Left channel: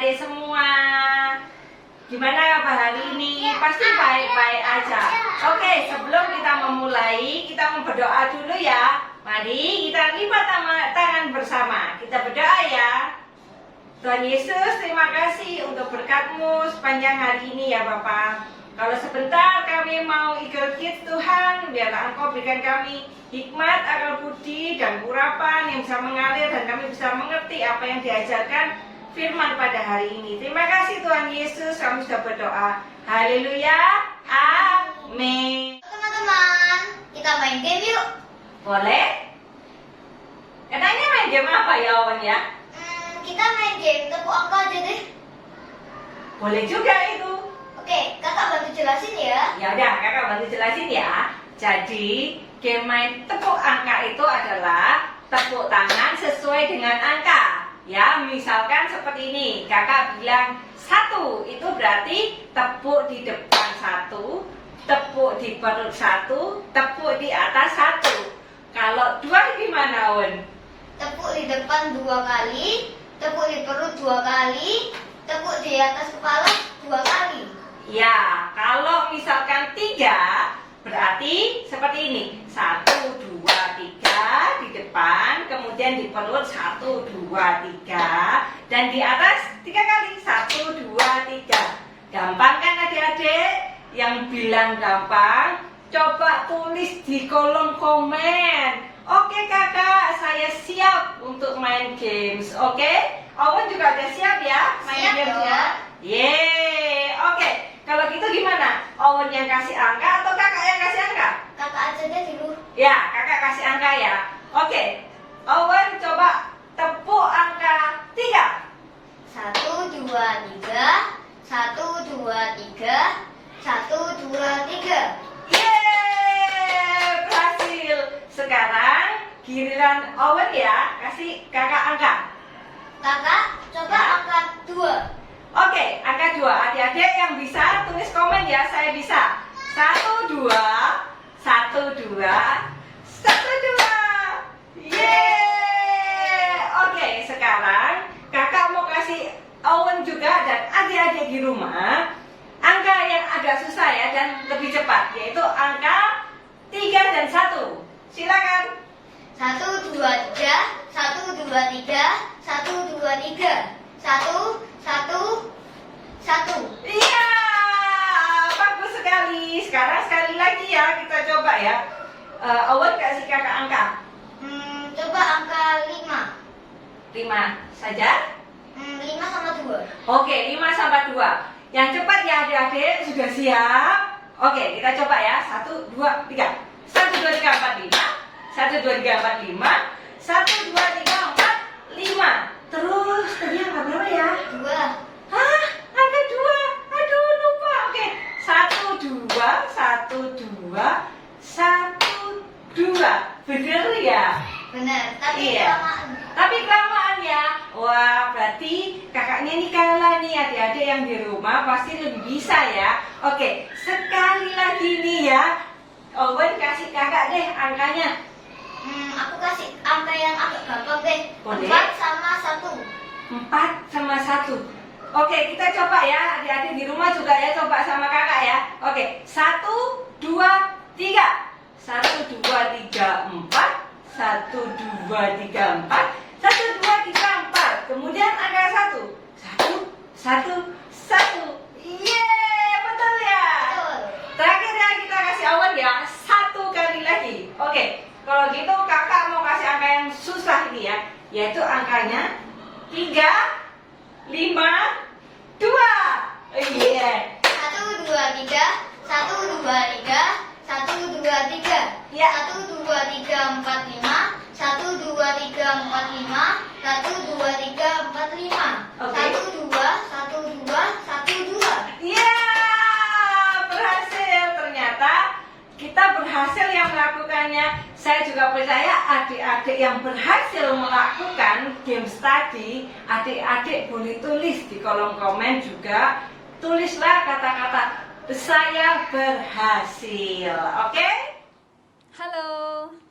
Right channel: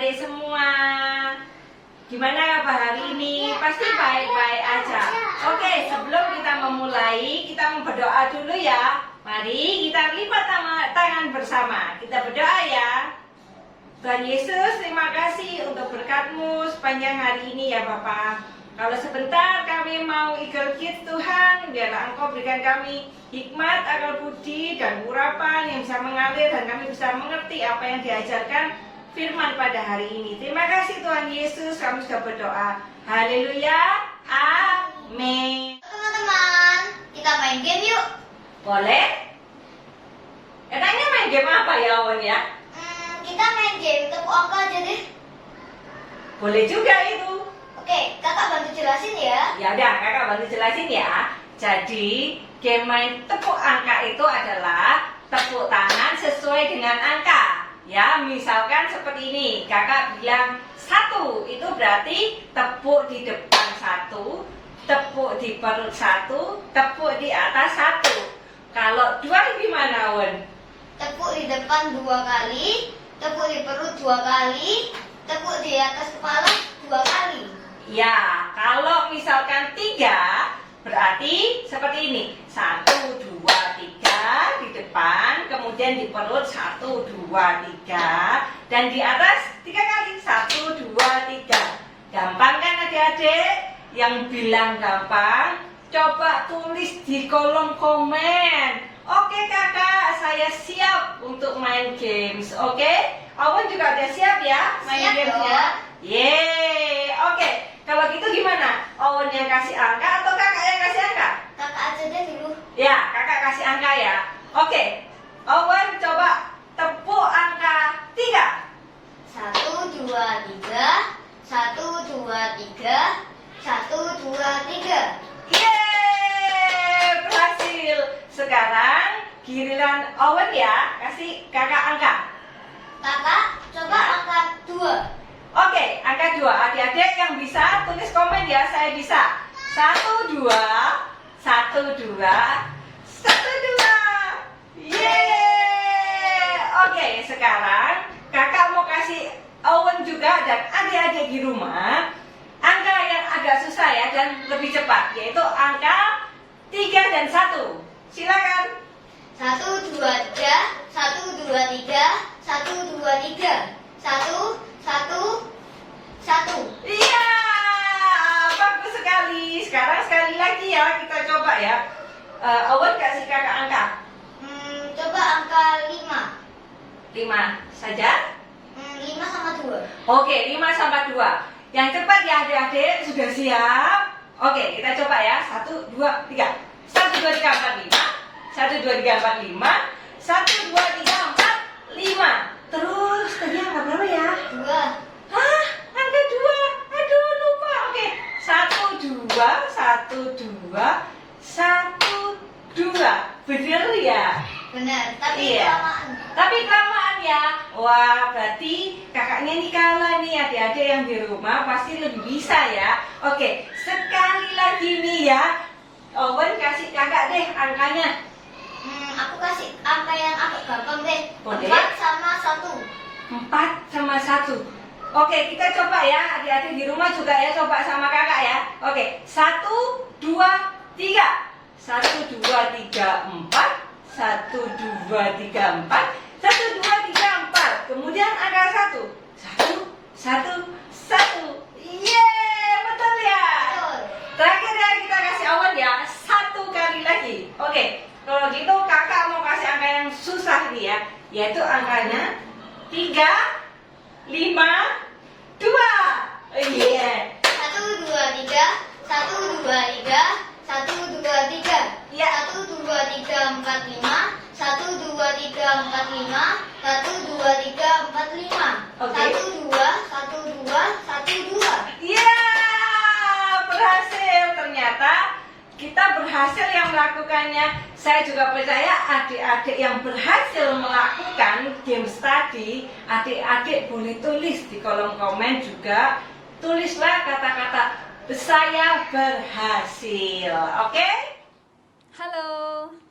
adik-adik semua. Gimana kabar hari ini? Pasti baik-baik aja. Oke, sebelum kita memulai, kita mau berdoa dulu ya. Mari kita lipat tangan bersama. Kita berdoa ya. Tuhan Yesus, terima kasih untuk berkat-Mu sepanjang hari ini ya Bapak. Kalau sebentar kami mau Eagle Kids Tuhan, biarlah Engkau berikan kami hikmat, akal budi, dan urapan yang bisa mengalir dan kami bisa mengerti apa yang diajarkan firman pada hari ini. Terima kasih Tuhan Yesus, kami sudah berdoa. Haleluya, amin. Teman-teman, kita main game yuk. Boleh? Enaknya main game apa ya Owen ya? Kita main game tepuk angka aja deh. Boleh juga itu. Oke, kakak bantu jelasin ya. Ya udah, kakak bantu jelasin ya. Jadi, game main tepuk angka itu adalah tepuk tangan sesuai dengan angka. Ya, misalkan seperti ini. Kakak bilang 1, itu berarti tepuk di depan 1, tepuk di perut 1, tepuk di atas 1. Kalau 2 gimana, Won? Tepuk di depan 2 kali, tepuk di perut 2 kali, tepuk di atas kepala 2 kali. Ya, kalau misalkan 3, berarti seperti ini. 1, 2, 3 di depan, kemudian di perut 1, 2, 3, dan di atas 3 kali. 1, 2, 3. Gampang kan adik-adik? Yang bilang gampang, coba tulis di kolom komen. Oke kakak, saya siap untuk main games. Oke? Owen juga udah siap ya main Siap games dong. ya? Yeay. Oke, kalau gitu gimana? Owen yang kasih angka atau kakak yang kasih angka? Kakak aja deh dulu. Ya, kakak kasih angka ya. Oke, Owen coba tepuk angka 3. 1, 2, 3. 1, 2, 3. 1, 2, 3. Yeay, berhasil. Sekarang giliran Owen ya, kasih kakak angka. Kakak, coba Ya. angkat 2. Oke, angka 2. Adik-adik yang bisa tulis komen ya, saya bisa. 1, 2, 1, 2, 1, 2. Yeay. Oke, sekarang kakak mau kasih Owen juga dan adik-adik di rumah angka yang agak susah ya dan lebih cepat, yaitu angka 3 dan 1. Silakan. 1, 2, 3. 1, 2, 3. 1, 2, 3. 1, 1, 1. Iya, bagus sekali. Sekarang sekali lagi ya, kita coba ya. Owen kasih kakak angka. Coba angka 5. 5 saja. 5 sama 2. Oke, 5 sampai 2. Yang cepat ya adik-adik, sudah siap? Oke, kita coba ya. 1, 2, 3. 1, 2, 3, 4, 5. 1, 2, 3, 4, 5. 1, 2, 3, 4, 5. Terus, tadi angka berapa ya? 2. Hah? Angka 2. Aduh, lupa. Oke. 1, 2, 1, 2, 1, 2. Bener ya? Benar, tapi Iya. kelamaan. Tapi kelamaan ya. Wah, berarti kakaknya nih kalah nih. Adik-adik yang di rumah pasti lebih bisa ya. Oke, sekali lagi nih ya. Owen kasih kakak deh angkanya. Aku kasih angka yang agak gampang deh. Boleh. 4 sama 1. 4 sama 1. Oke, kita coba ya. Adik-adik di rumah juga ya. Coba sama kakak ya. Oke, 1, 2, 3. 1, 2, 3, 4. 1, 2, 3, 4. 1, 2, 3, 4. Kemudian angka 1. 1, 1, 1. Yeay, betul ya. Betul. Terakhir ya kita kasih Owen ya. 1 kali lagi. Oke, kalau gitu kakak mau kasih angka yang susah nih ya. Yaitu angkanya 3, 5, 2. Iya. 1, 2, 3. 1, 2, 3. 1, 2, 3. Ya. 1, 2, 3, 4, 5. 1, 2, 3, 4, 5. 1, 2, 3, 4, 5. Oke. 1, 2, 1, 2, 1, 2. Iya, berhasil. Ternyata kita berhasil yang melakukannya. Saya juga percaya adik-adik yang berhasil melakukan games tadi, adik-adik boleh tulis di kolom komen juga. Tulislah kata-kata saya berhasil. Oke? Halo,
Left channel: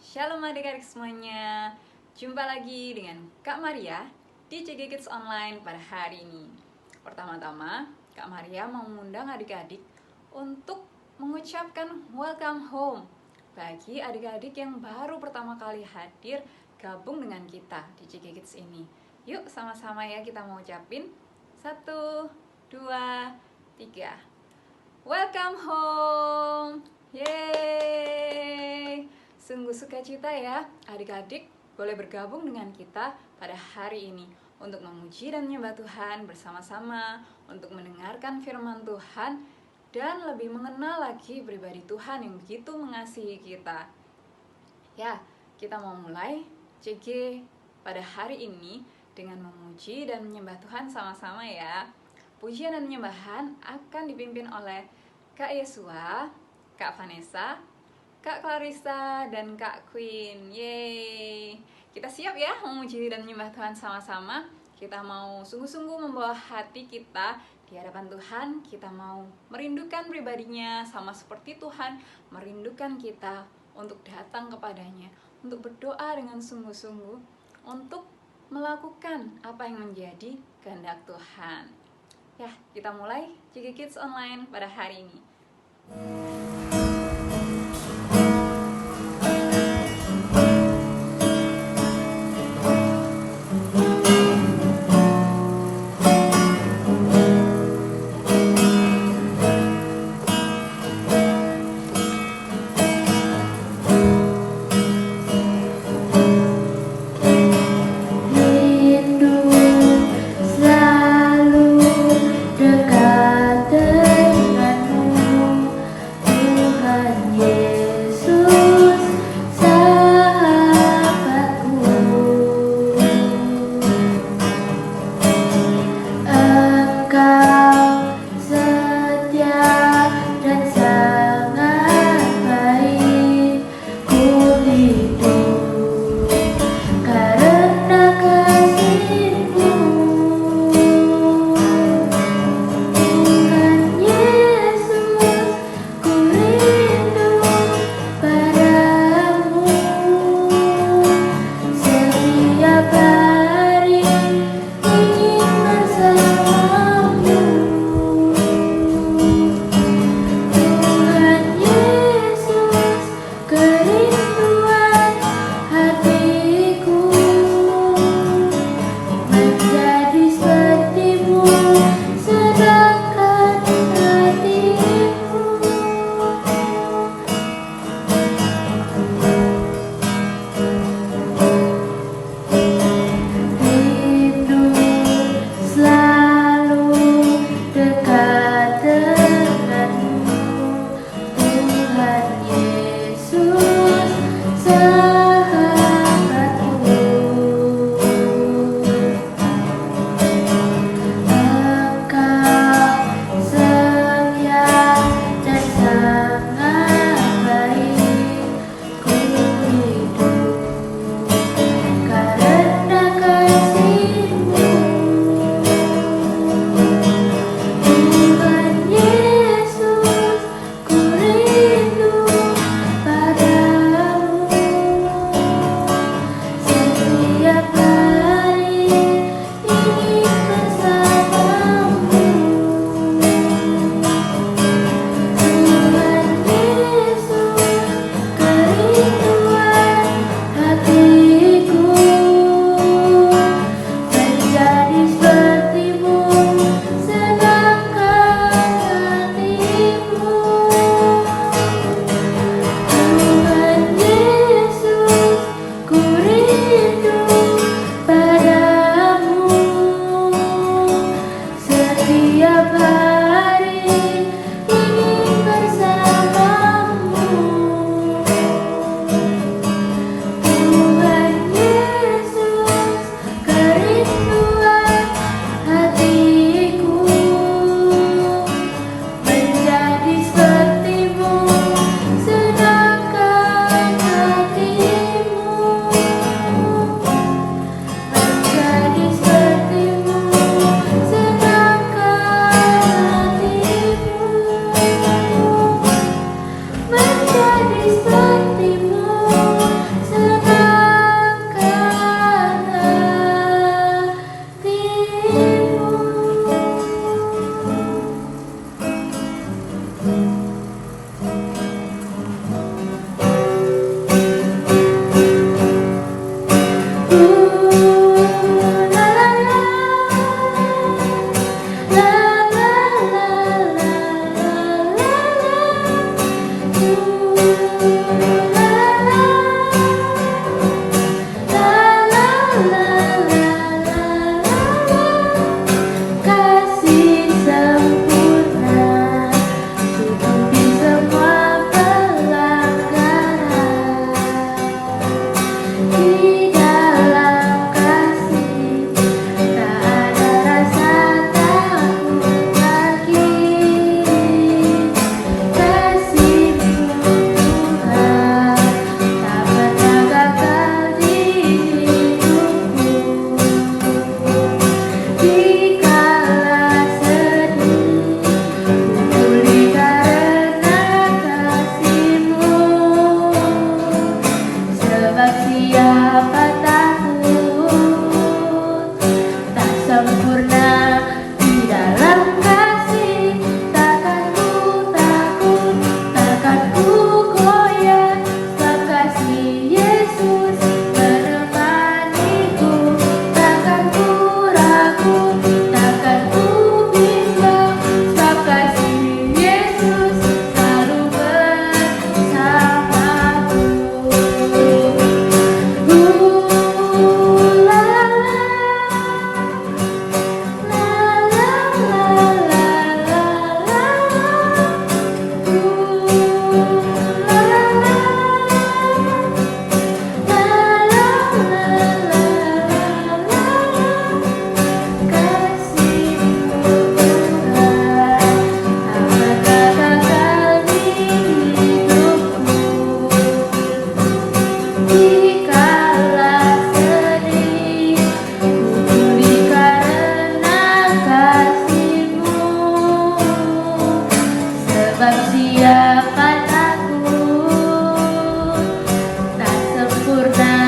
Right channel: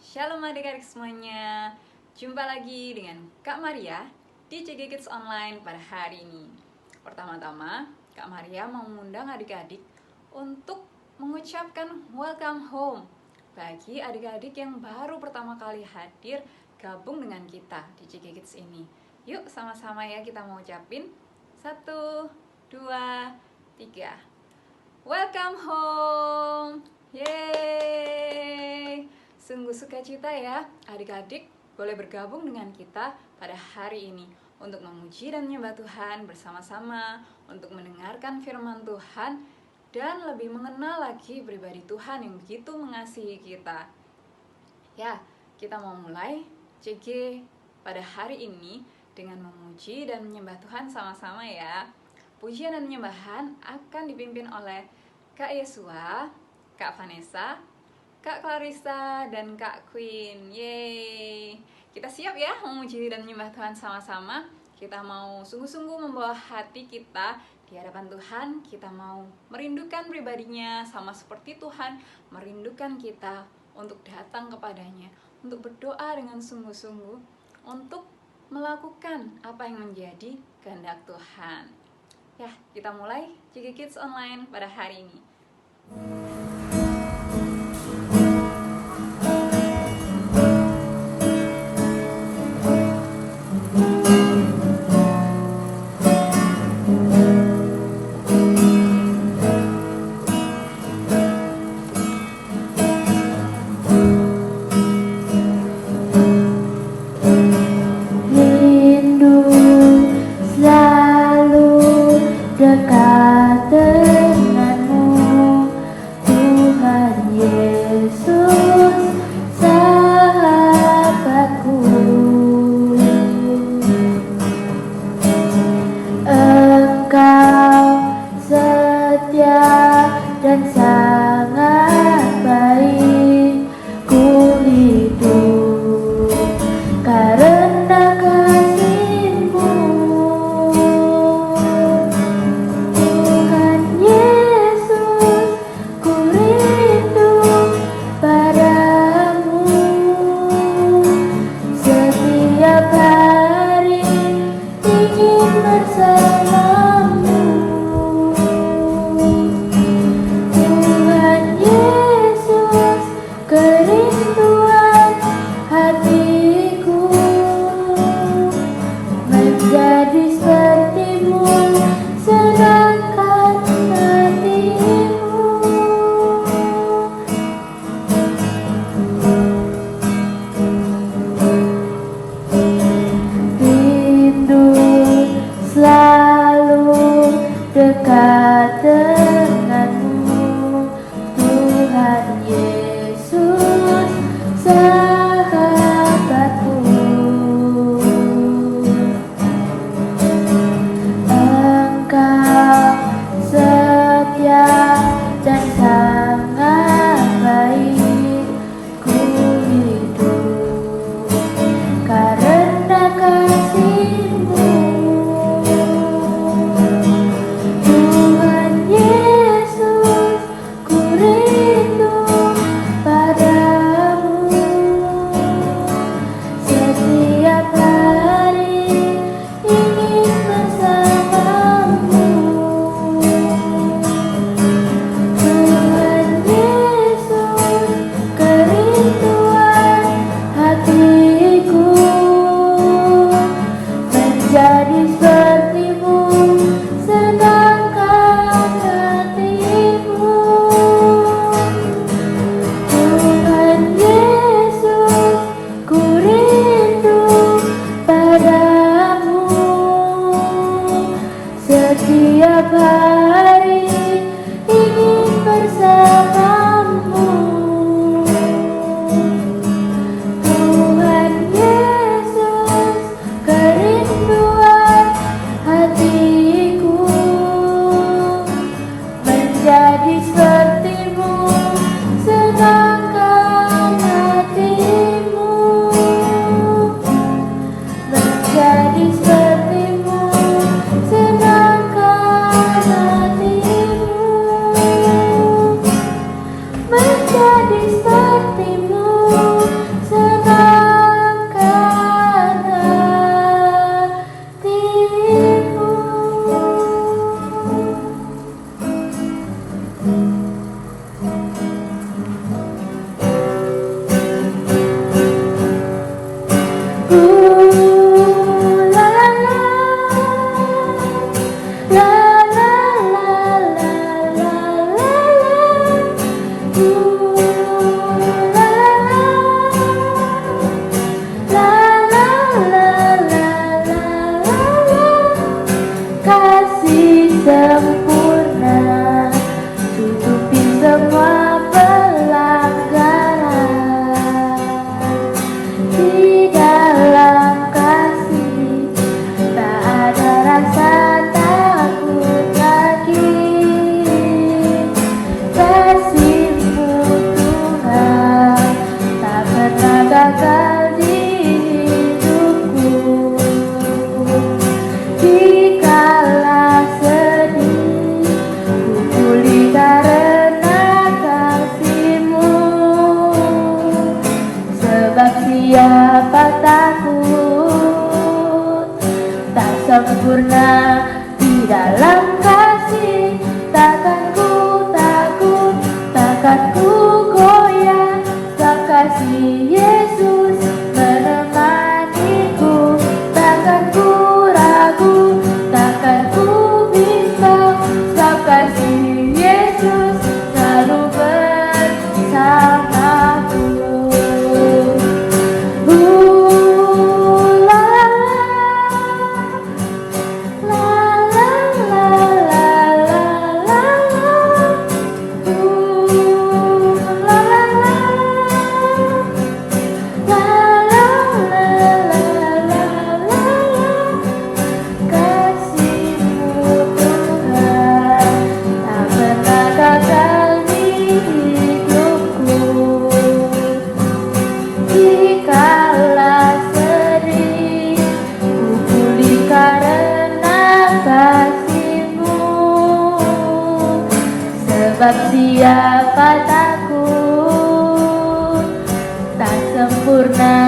shalom adik-adik semuanya. Jumpa lagi dengan Kak Maria di CG Kids Online pada hari ini. Pertama-tama, Kak Maria mau mengundang adik-adik untuk mengucapkan welcome home bagi adik-adik yang baru pertama kali hadir gabung dengan kita di CG Kids ini. Yuk sama-sama ya kita mau ucapin 1, 2, 3. Welcome home. Yeay. Sungguh sukacita ya adik-adik boleh bergabung dengan kita pada hari ini untuk memuji dan menyembah Tuhan bersama-sama, untuk mendengarkan firman Tuhan dan lebih mengenal lagi pribadi Tuhan yang begitu mengasihi kita. Ya, kita mau mulai CG pada hari ini dengan memuji dan menyembah Tuhan sama-sama ya. Pujian dan penyembahan akan dipimpin oleh Kak Yesua, Kak Vanessa, Kak Clarissa, dan Kak Queen. Yeay. Kita siap ya memuji dan menyembah Tuhan sama-sama. Kita mau sungguh-sungguh membawa hati kita di hadapan Tuhan. Kita mau merindukan pribadinya sama seperti Tuhan merindukan kita untuk datang kepadanya, untuk berdoa dengan sungguh-sungguh, untuk melakukan apa yang menjadi kehendak Tuhan. Ya, kita mulai CG Kids Online pada hari ini. Rindu selalu dekat denganmu, siapa takut, tak sempurna di dalam kasih. Takkan ku takut, takkan ku goyah, sebab kasih Yesus menemaniku. Takkan ku ragu, takkan ku bimbang, sebab kasih Yesus selalu bersamaku. La la la la la la kasihmu Tuhan tak terbatas di hidupku. Dikala sedih, ku pulih karena kasihmu. Sebab siapa takut, tak sempurna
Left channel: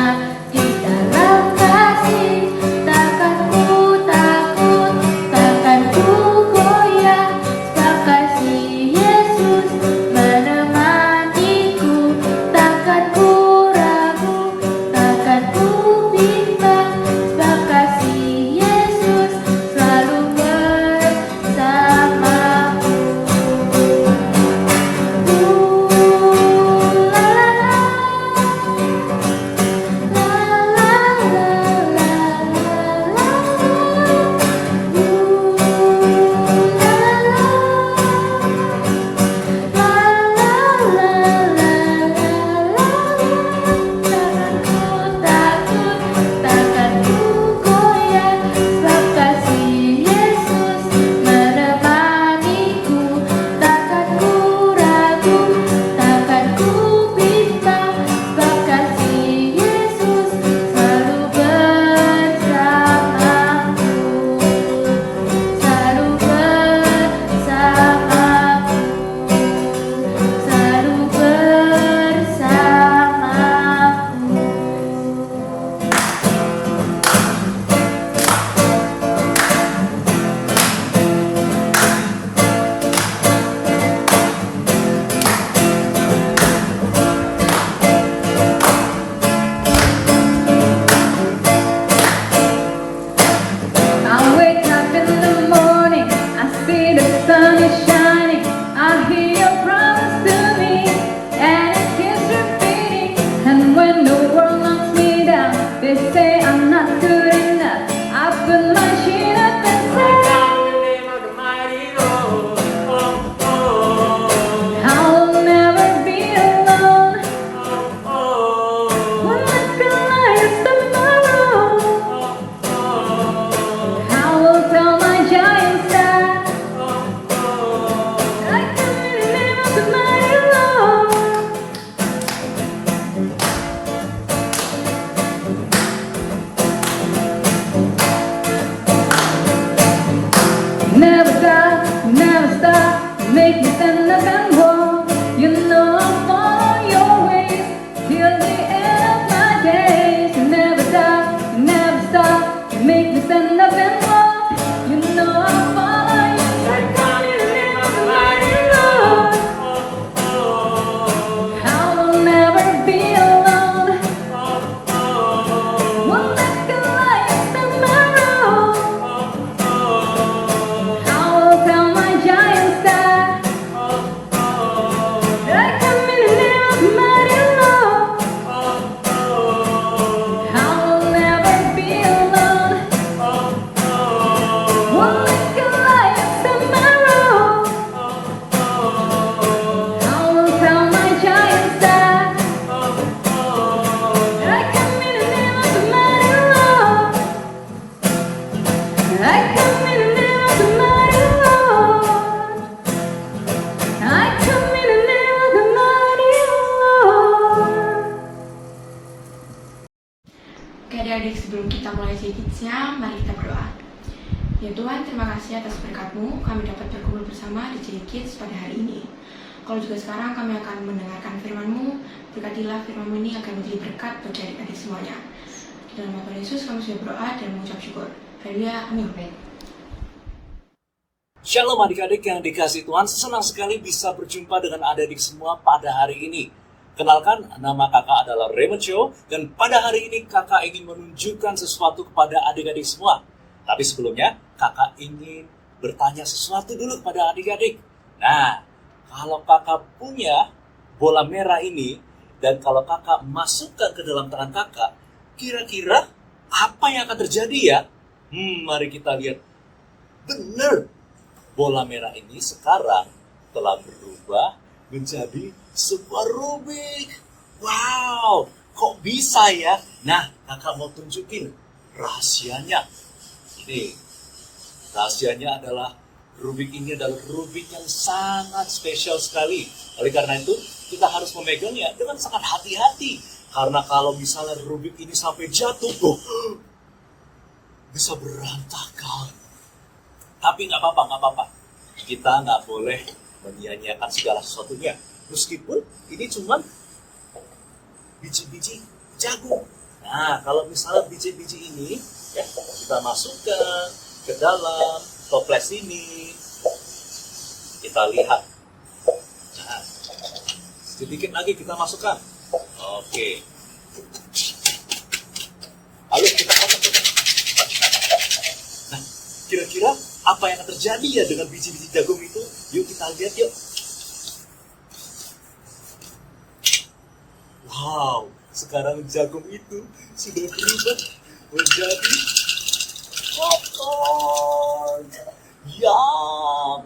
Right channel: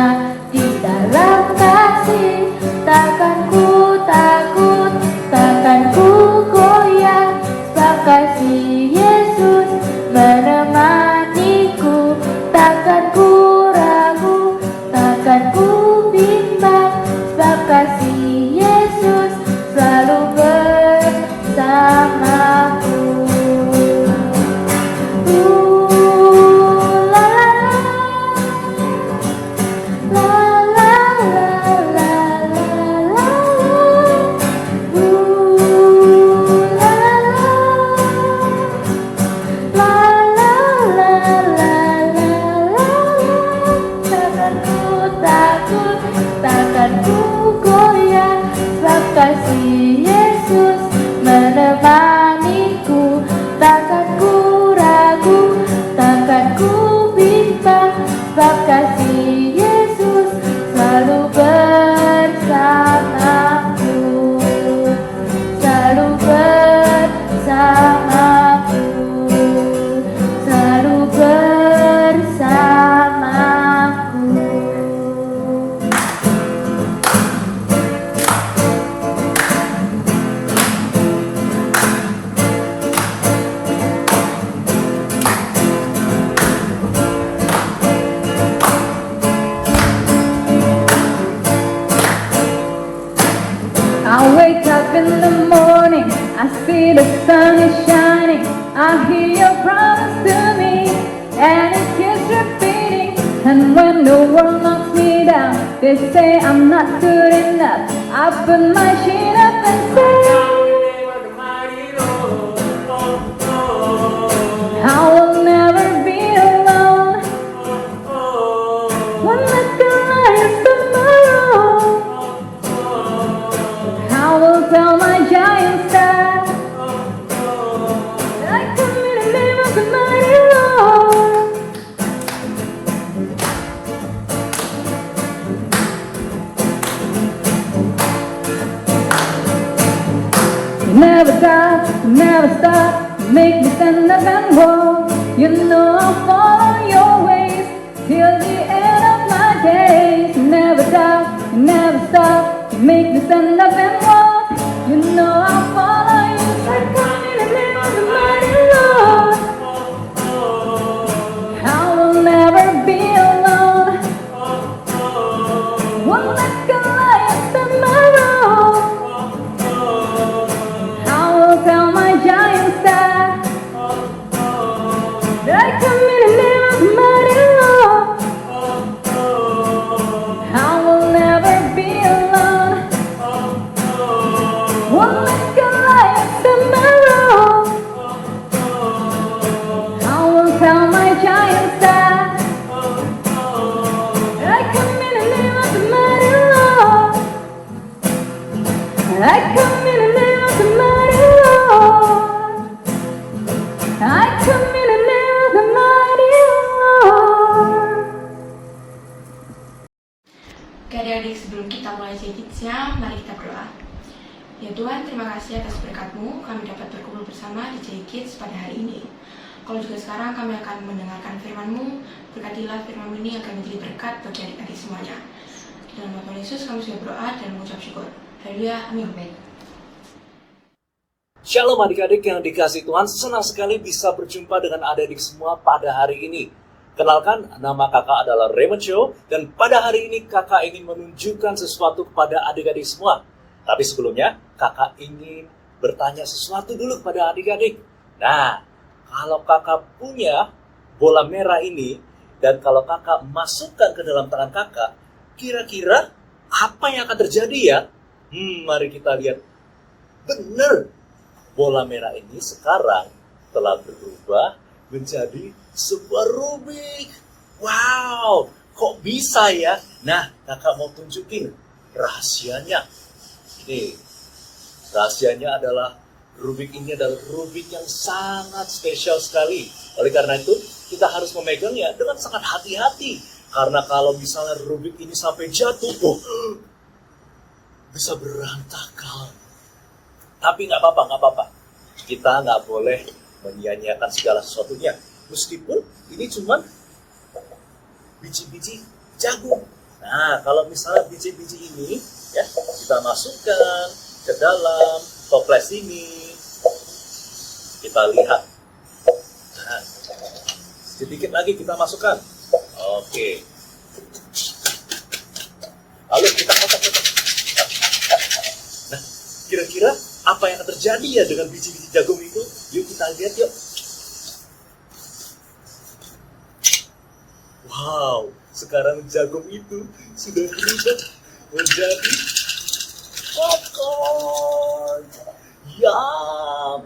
di dalam kasih. Takkan ku takut, takkan ku goyah, sebab kasih Yesus menemaniku. Takkan ku ragu, takkan ku bimbang, sebab kasih Yesus selalu bersamaku. Takkan ku takut, takkan ku goyah, sebab kasih Yesus menemaniku. Takkan ku ragu, takkan ku bimbang, sebab kasih Yesus selalu bersamaku. Selalu bersamaku, selalu bersamaku. I wake up in the morning, I see the sun is shining, I hear your promise to me, and it keeps repeating. And when the world knocks me down, they say I'm not good enough, I put my chin up and say I will never be alone. Won't let the light tomorrow. I will tell my giants that I come in the name of the mighty Lord. Never die, never stop, make me stand up and walk. You know I'll follow your ways till the end of my days. Never die, never stop, make me stand up and walk. You know I'll follow you. I come in the name of the mighty Lord. I will never be alone. Won't let the light tomorrow. I will tell my giants that I come in the name of the mighty Lord. I will never be alone. Won't let the light tomorrow. I will tell my giants that I come in the name of the mighty Lord. I come in the name of the mighty Lord. I come in the name of the mighty Lord. Oke adik-adik, sebelum kita mulai Kids-nya, mari kita berdoa. Ya Tuhan, terima kasih atas berkat-Mu, kami dapat berkumpul bersama di Kids pada hari ini. Kalau juga sekarang kami akan mendengarkan firman-Mu, berkatilah firman-Mu ini akan menjadi berkat bagi adik-adik semuanya. Dalam nama Tuhan Yesus kami sudah berdoa dan mengucap syukur. Haleluya, amin. Shalom adik-adik yang dikasihi Tuhan, senang sekali bisa berjumpa dengan adik-adik semua pada hari ini. Kenalkan, nama kakak adalah Raymond Cho, dan pada hari ini kakak ingin menunjukkan sesuatu kepada adik-adik semua. Tapi sebelumnya, kakak ingin bertanya sesuatu dulu kepada adik-adik. Nah, kalau kakak punya bola merah ini, dan kalau kakak masukkan ke dalam tangan kakak, kira-kira apa yang akan terjadi ya? Mari kita lihat. Benar, bola merah ini sekarang telah berubah menjadi sebuah Rubik. Wow, kok bisa ya? Nah, kakak mau tunjukin rahasianya. Ini, rahasianya adalah Rubik ini adalah Rubik yang sangat spesial sekali. Oleh karena itu, kita harus memegangnya dengan sangat hati-hati. Karena kalau misalnya Rubik ini sampai jatuh, bisa berantakan. Tapi nggak apa-apa. Kita nggak boleh menyia-nyiakan segala sesuatunya. Meskipun ini cuma biji-biji jagung. Nah, kalau misalnya biji-biji ini ya kita masukkan ke dalam toples ini, kita lihat. Nah, sedikit lagi kita masukkan. Oke. Lalu kita kotak-kotak. Nah, kira-kira apa yang akan terjadi ya dengan biji-biji jagung itu? Yuk kita lihat yuk. Wow, sekarang jagung itu sudah berubah menjadi popcorn. Ya,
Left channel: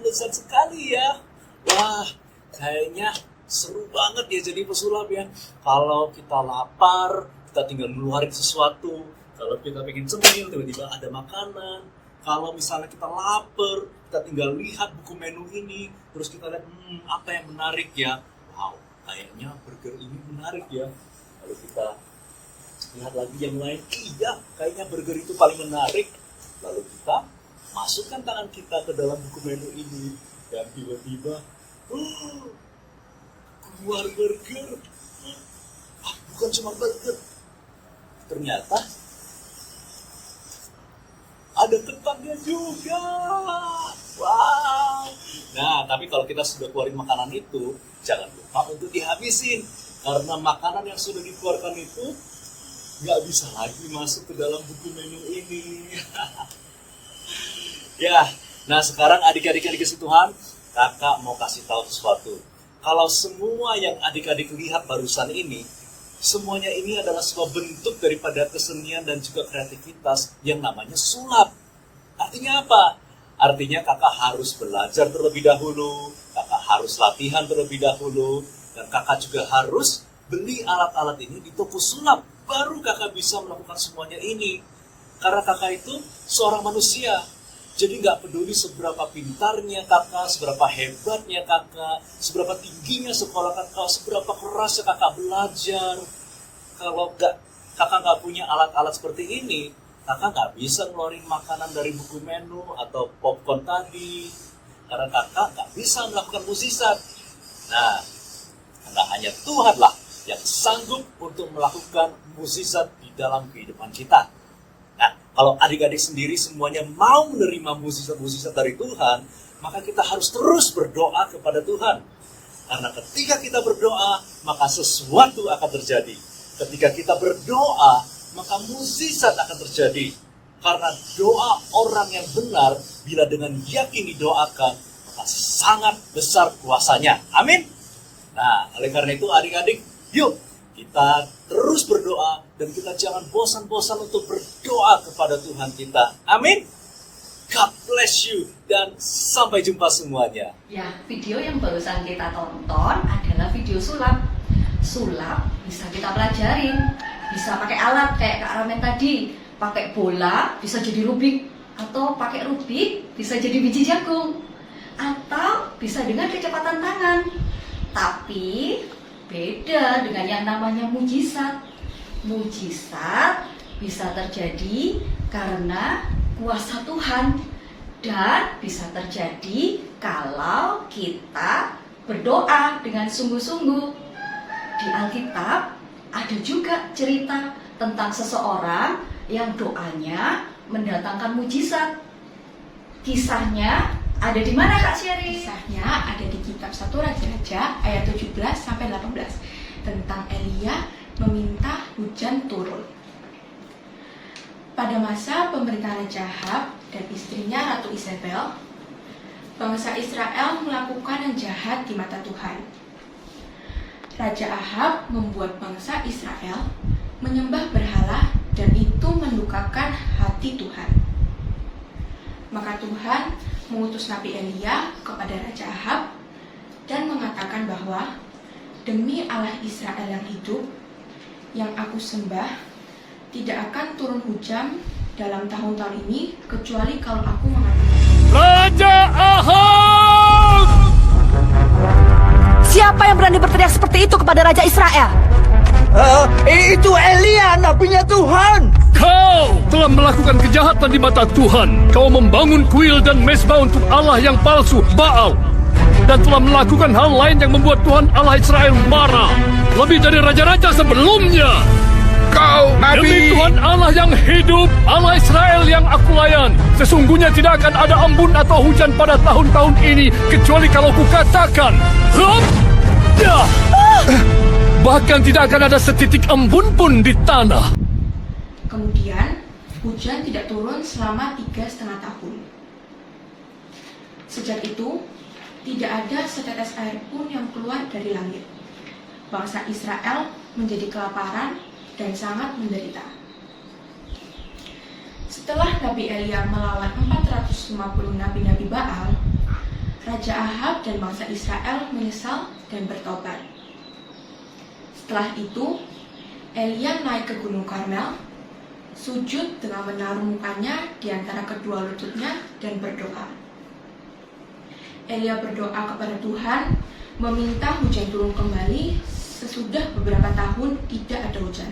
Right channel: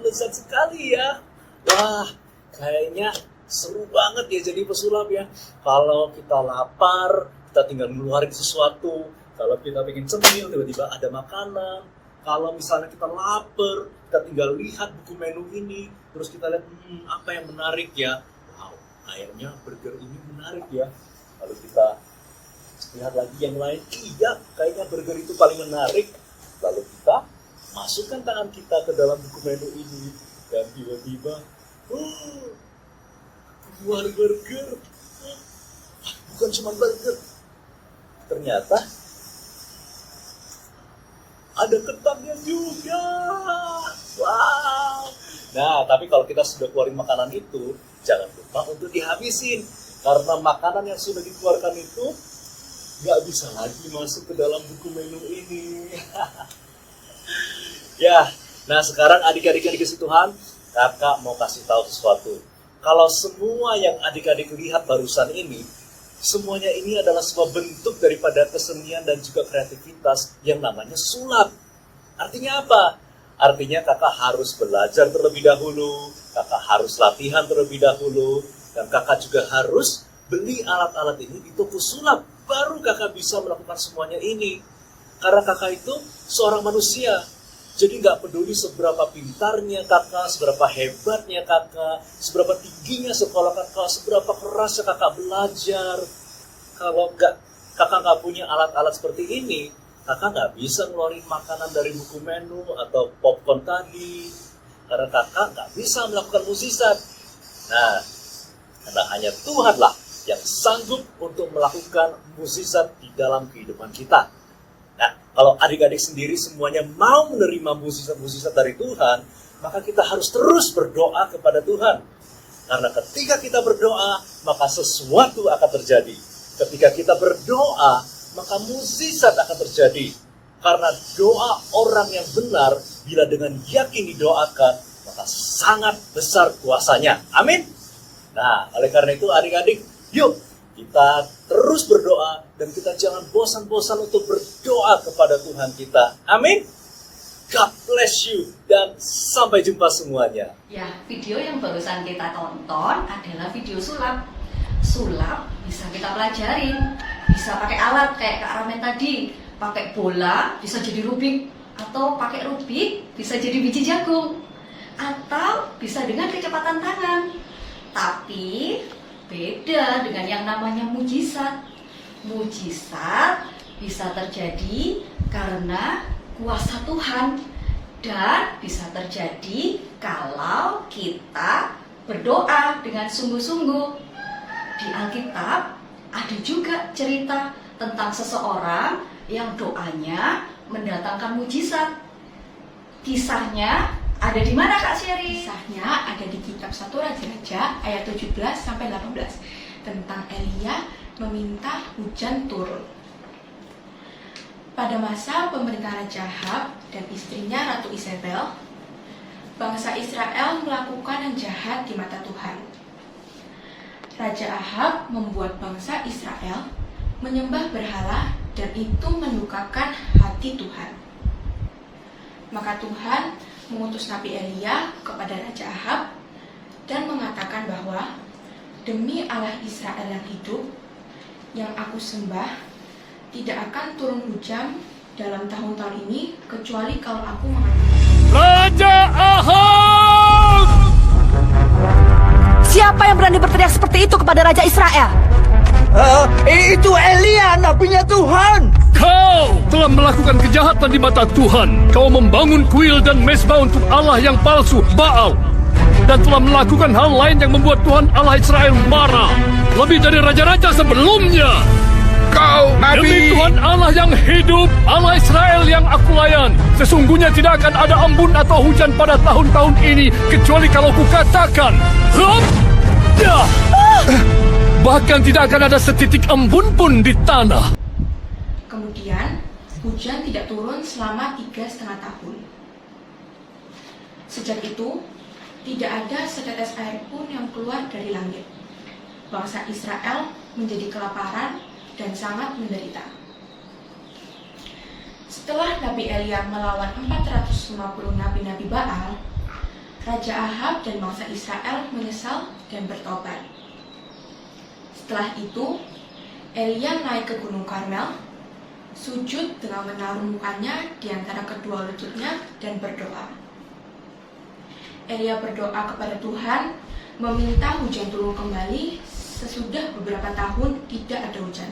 lezat sekali ya. Wah, kayaknya seru banget ya jadi pesulap ya. Kalau kita lapar, kita tinggal ngeluarin sesuatu. Kalau kita pengen cemil, tiba-tiba ada makanan. Kalau misalnya kita lapar, kita tinggal lihat buku menu ini. Terus kita lihat, apa yang menarik ya. Wow, kayaknya burger ini menarik ya. Lalu kita lihat lagi yang lain. Iya, kayaknya burger itu paling menarik. Lalu kita masukkan tangan kita ke dalam buku menu ini. Dan tiba-tiba, keluar burger. Bukan cuma burger. Ternyata ada kentangnya juga. Wow. Nah, tapi kalau kita sudah keluarin makanan itu, jangan lupa untuk dihabisin. Karena makanan yang sudah dikeluarkan itu nggak bisa lagi masuk ke dalam buku menu ini. Ya, nah sekarang adik-adik yang dikasih Tuhan, kakak mau kasih tahu sesuatu. Kalau semua yang adik-adik lihat barusan ini, semuanya ini adalah sebuah bentuk daripada kesenian dan juga kreativitas yang namanya sulap. Artinya apa? Artinya kakak harus belajar terlebih dahulu, kakak harus latihan terlebih dahulu, dan kakak juga harus beli alat-alat ini di toko sulap. Baru kakak bisa melakukan semuanya ini. Karena kakak itu seorang manusia. Jadi nggak peduli seberapa pintarnya kakak, seberapa hebatnya kakak, seberapa tingginya sekolah kakak, seberapa kerasnya kakak belajar. Kalau kakak nggak punya alat-alat seperti ini, kakak nggak bisa ngeluarin makanan dari buku menu atau popcorn tadi. Karena kakak nggak bisa melakukan mukjizat. Nah, karena hanya Tuhanlah yang sanggup untuk melakukan mukjizat di dalam kehidupan kita. Nah, kalau adik-adik sendiri semuanya mau menerima mukjizat-mukjizat dari Tuhan, maka kita harus terus berdoa kepada Tuhan. Karena ketika kita berdoa, maka sesuatu akan terjadi. Ketika kita berdoa, maka mukjizat akan terjadi. Karena doa orang yang benar, bila dengan yakin didoakan, maka sangat besar kuasanya. Amin. Nah, oleh karena itu adik-adik, yuk kita terus berdoa dan kita jangan bosan-bosan untuk berdoa kepada Tuhan kita. Amin. God bless you dan sampai jumpa semuanya. Ya, video yang barusan kita tonton adalah video sulap. Sulap bisa kita pelajarin, bisa pakai alat kayak Kak Ramen tadi, pakai bola bisa jadi Rubik, atau pakai Rubik bisa jadi biji jagung, atau bisa dengan kecepatan tangan. Tapi beda dengan yang namanya mujizat. Mujizat bisa terjadi karena kuasa Tuhan dan bisa terjadi kalau kita berdoa dengan sungguh-sungguh. Di Alkitab ada juga cerita tentang seseorang yang doanya mendatangkan mujizat. Kisahnya ada di mana Kak Sherry? Kisahnya ada di kitab 1 Raja-Raja ayat 17-18 tentang Elia meminta hujan turun. Pada masa pemerintahan Raja Ahab dan istrinya Ratu Isabel, bangsa Israel melakukan yang jahat di mata Tuhan. Raja Ahab membuat bangsa Israel menyembah berhala dan itu melukakan hati Tuhan. Maka Tuhan mengutus Nabi Elia kepada Raja Ahab dan mengatakan bahwa demi Allah Israel yang hidup, yang aku sembah, tidak akan turun hujan dalam tahun-tahun ini kecuali kalau aku mengatakan. Raja Ahab! Siapa yang berani berteriak seperti itu kepada Raja Israel? Itu Elia, nabinya Tuhan. Kau telah melakukan kejahatan di mata Tuhan. Kau membangun kuil dan mezbah untuk Allah yang palsu, Baal. Dan telah melakukan hal lain yang membuat Tuhan Allah Israel marah. Lebih dari raja-raja sebelumnya. Kau, Demi Tuhan Allah yang hidup, Allah Israel yang aku layan, sesungguhnya tidak akan ada embun atau hujan pada tahun-tahun ini, kecuali kalau kukatakan, ya. Bahkan tidak akan ada setitik embun pun di tanah. Kemudian, hujan tidak turun selama 3,5 tahun. Sejak itu, tidak ada setetes air pun yang keluar dari langit. Bangsa Israel menjadi kelaparan dan sangat menderita. Setelah Nabi Elia melawan 450 nabi-nabi Baal, Raja Ahab dan bangsa Israel menyesal dan bertobat. Setelah itu, Elia naik ke Gunung Karmel, sujud dengan menaruh mukanya di antara kedua lututnya dan berdoa. Elia berdoa kepada Tuhan, meminta hujan turun kembali sesudah beberapa tahun tidak ada hujan.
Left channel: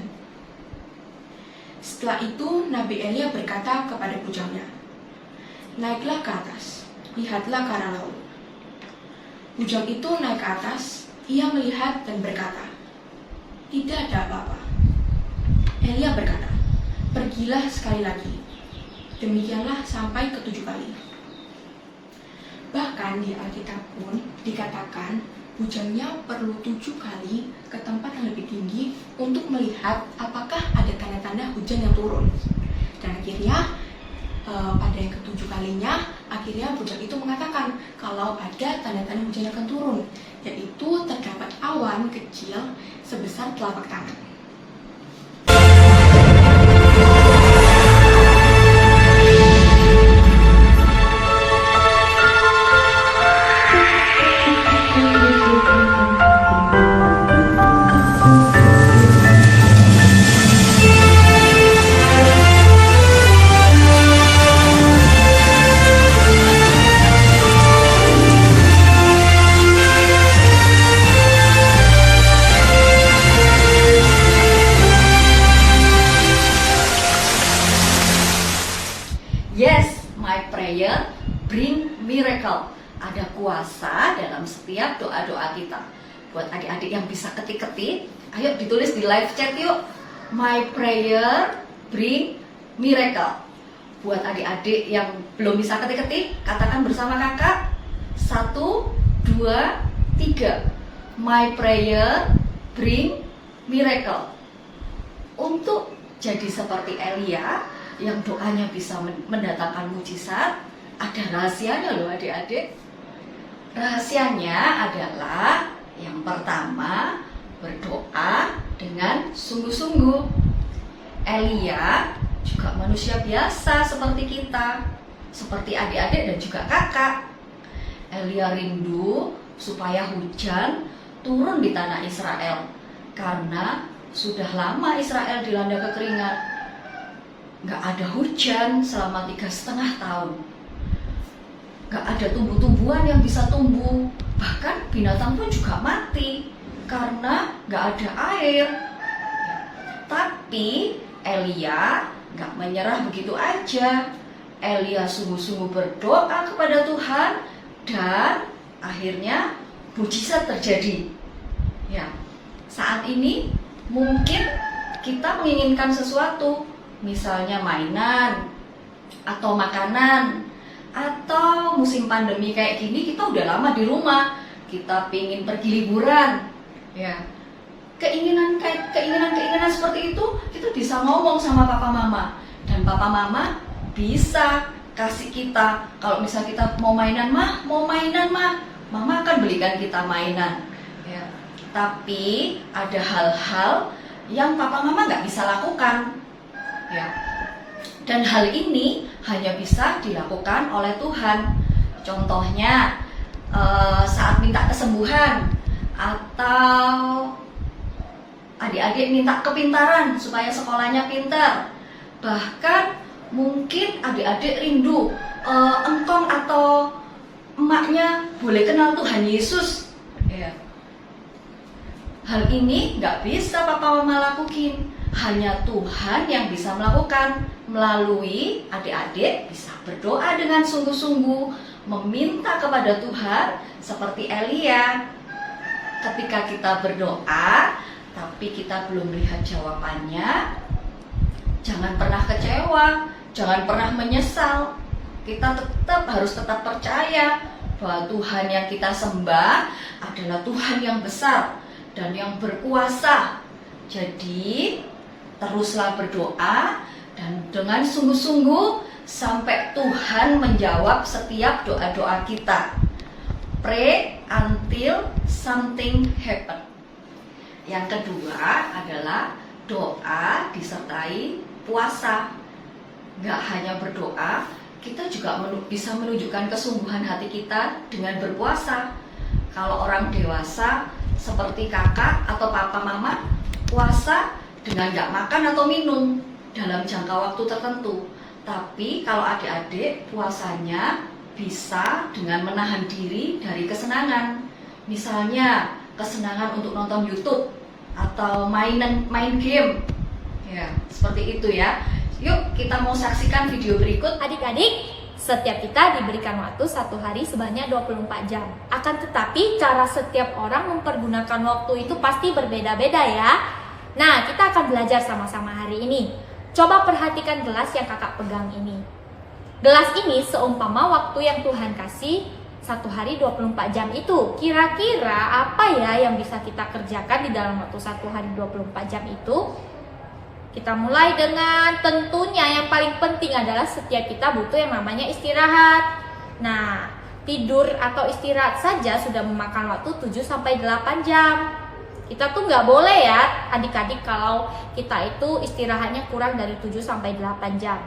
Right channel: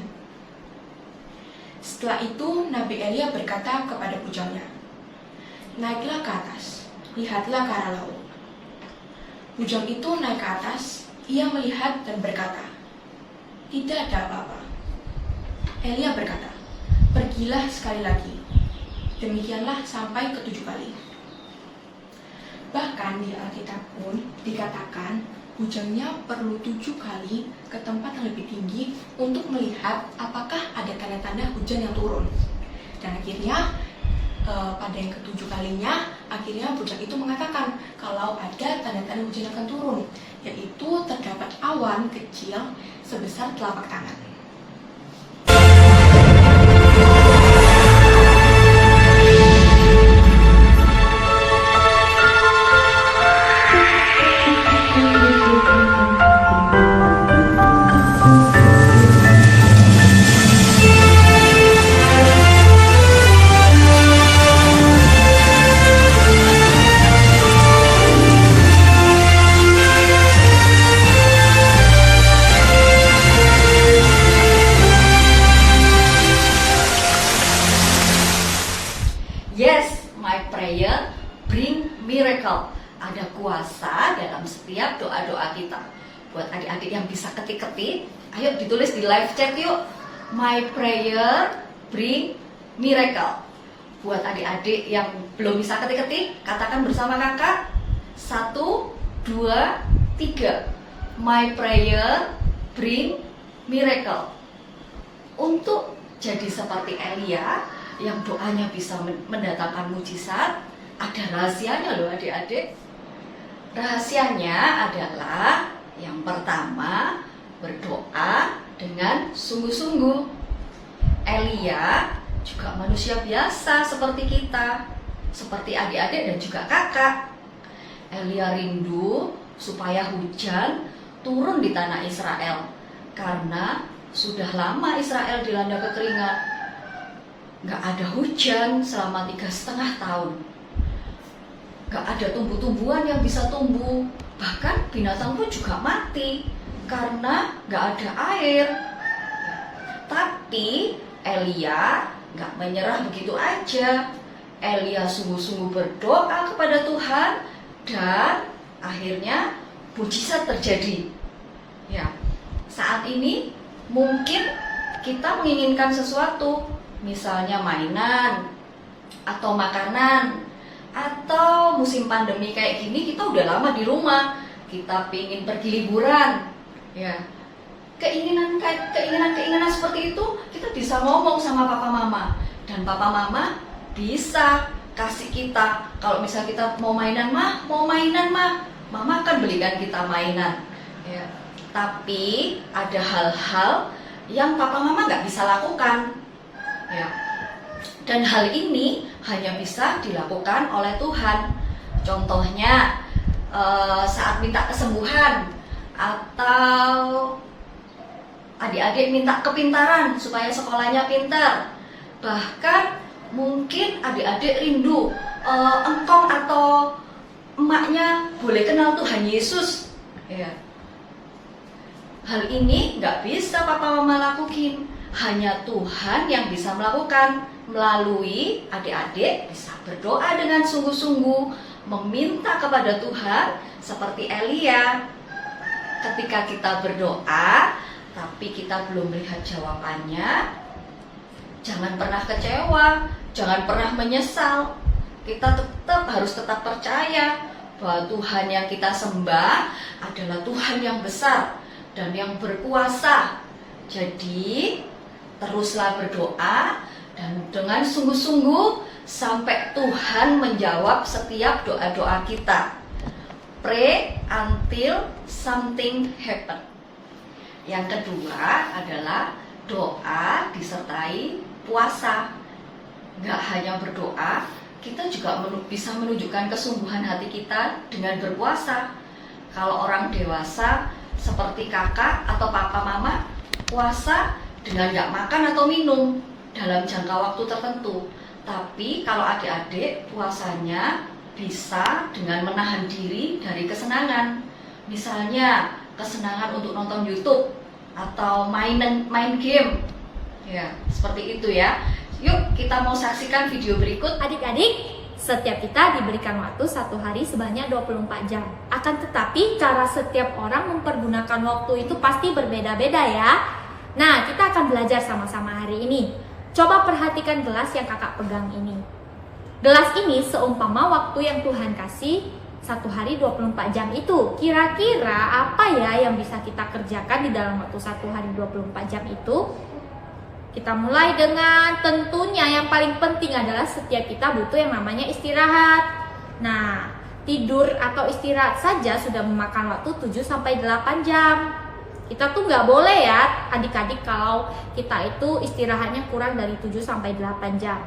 Setelah itu, Nabi Elia berkata kepada bujangnya, naiklah ke atas, lihatlah ke arah laut. Bujang itu naik ke atas, ia melihat dan berkata, tidak ada apa-apa. Elia berkata, pergilah sekali lagi. Demikianlah sampai ke 7 kali. Bahkan di Alkitab pun dikatakan bujangnya perlu 7 kali ke tempat yang lebih tinggi untuk melihat apakah ada tanda-tanda hujan yang turun. Dan akhirnya pada yang ke-7 kalinya, akhirnya bujang itu mengatakan kalau ada tanda-tanda hujan akan turun, yaitu terdapat awan kecil sebesar telapak tangan. Yes, my prayer bring miracle. Ada kuasa dalam setiap doa-doa kita. Buat adik-adik yang bisa ketik-ketik, ayo ditulis di live chat yuk. My prayer bring miracle. Buat adik-adik yang belum bisa ketik-ketik, katakan bersama kakak. 1, 2, 3. My prayer bring miracle. Untuk jadi seperti Elia yang doanya bisa mendatangkan mujizat, ada rahasianya loh adik-adik. Rahasianya adalah yang pertama, berdoa dengan sungguh-sungguh. Elia juga manusia biasa seperti kita, seperti adik-adik dan juga kakak. Elia rindu supaya hujan turun di tanah Israel, karena sudah lama Israel dilanda kekeringan. Gak ada hujan selama 3,5 tahun. Gak ada tumbuh-tumbuhan yang bisa tumbuh. Bahkan binatang pun juga mati karena gak ada air. Tapi Elia gak menyerah begitu aja. Elia sungguh-sungguh berdoa kepada Tuhan dan akhirnya mujizat terjadi. Ya, saat ini mungkin kita menginginkan sesuatu, misalnya mainan atau makanan, atau musim pandemi kayak gini kita udah lama di rumah, kita pingin pergi liburan, ya. Keinginan seperti itu kita bisa ngomong sama papa mama, dan papa mama bisa kasih kita. Kalau misalnya kita mau mainan mah, mama akan belikan kita mainan, ya. Tapi ada hal-hal yang papa mama nggak bisa lakukan, ya. Dan hal ini hanya bisa dilakukan oleh Tuhan. Contohnya saat minta kesembuhan, atau adik-adik minta kepintaran supaya sekolahnya pintar. Bahkan mungkin adik-adik rindu engkong atau emaknya boleh kenal Tuhan Yesus, ya. Hal ini nggak bisa papa mama lakukan, hanya Tuhan yang bisa melakukan. Melalui adik-adik bisa berdoa dengan sungguh-sungguh, meminta kepada Tuhan seperti Elia. Ketika kita berdoa tapi kita belum melihat jawabannya, jangan pernah kecewa, jangan pernah menyesal. Kita harus tetap percaya bahwa Tuhan yang kita sembah adalah Tuhan yang besar dan yang berkuasa. Jadi teruslah berdoa dan dengan sungguh-sungguh sampai Tuhan menjawab setiap doa-doa kita. Pray until something happen. Yang kedua adalah doa disertai puasa. Gak hanya berdoa, kita juga bisa menunjukkan kesungguhan hati kita dengan berpuasa. Kalau orang dewasa seperti kakak atau papa mama, puasa dengan gak makan atau minum dalam jangka waktu tertentu. Tapi kalau adik-adik, puasanya bisa dengan menahan diri dari kesenangan. Misalnya kesenangan untuk nonton YouTube atau main game, ya seperti itu ya. Yuk kita mau saksikan video berikut. Adik-adik, setiap kita diberikan waktu satu hari sebanyak 24 jam. Akan tetapi cara setiap orang mempergunakan waktu itu pasti berbeda-beda ya. Nah, kita akan belajar sama-sama hari ini. Coba perhatikan gelas yang kakak pegang ini. Gelas ini seumpama waktu yang Tuhan kasih satu hari 24 jam itu. Kira-kira apa ya yang bisa kita kerjakan di dalam waktu satu hari 24 jam itu? Kita mulai dengan tentunya yang paling penting adalah setiap kita butuh yang namanya istirahat. Nah, tidur atau istirahat saja sudah memakan waktu 7-8 jam. Kita tuh nggak boleh ya adik-adik kalau kita itu istirahatnya kurang dari 7-8 jam.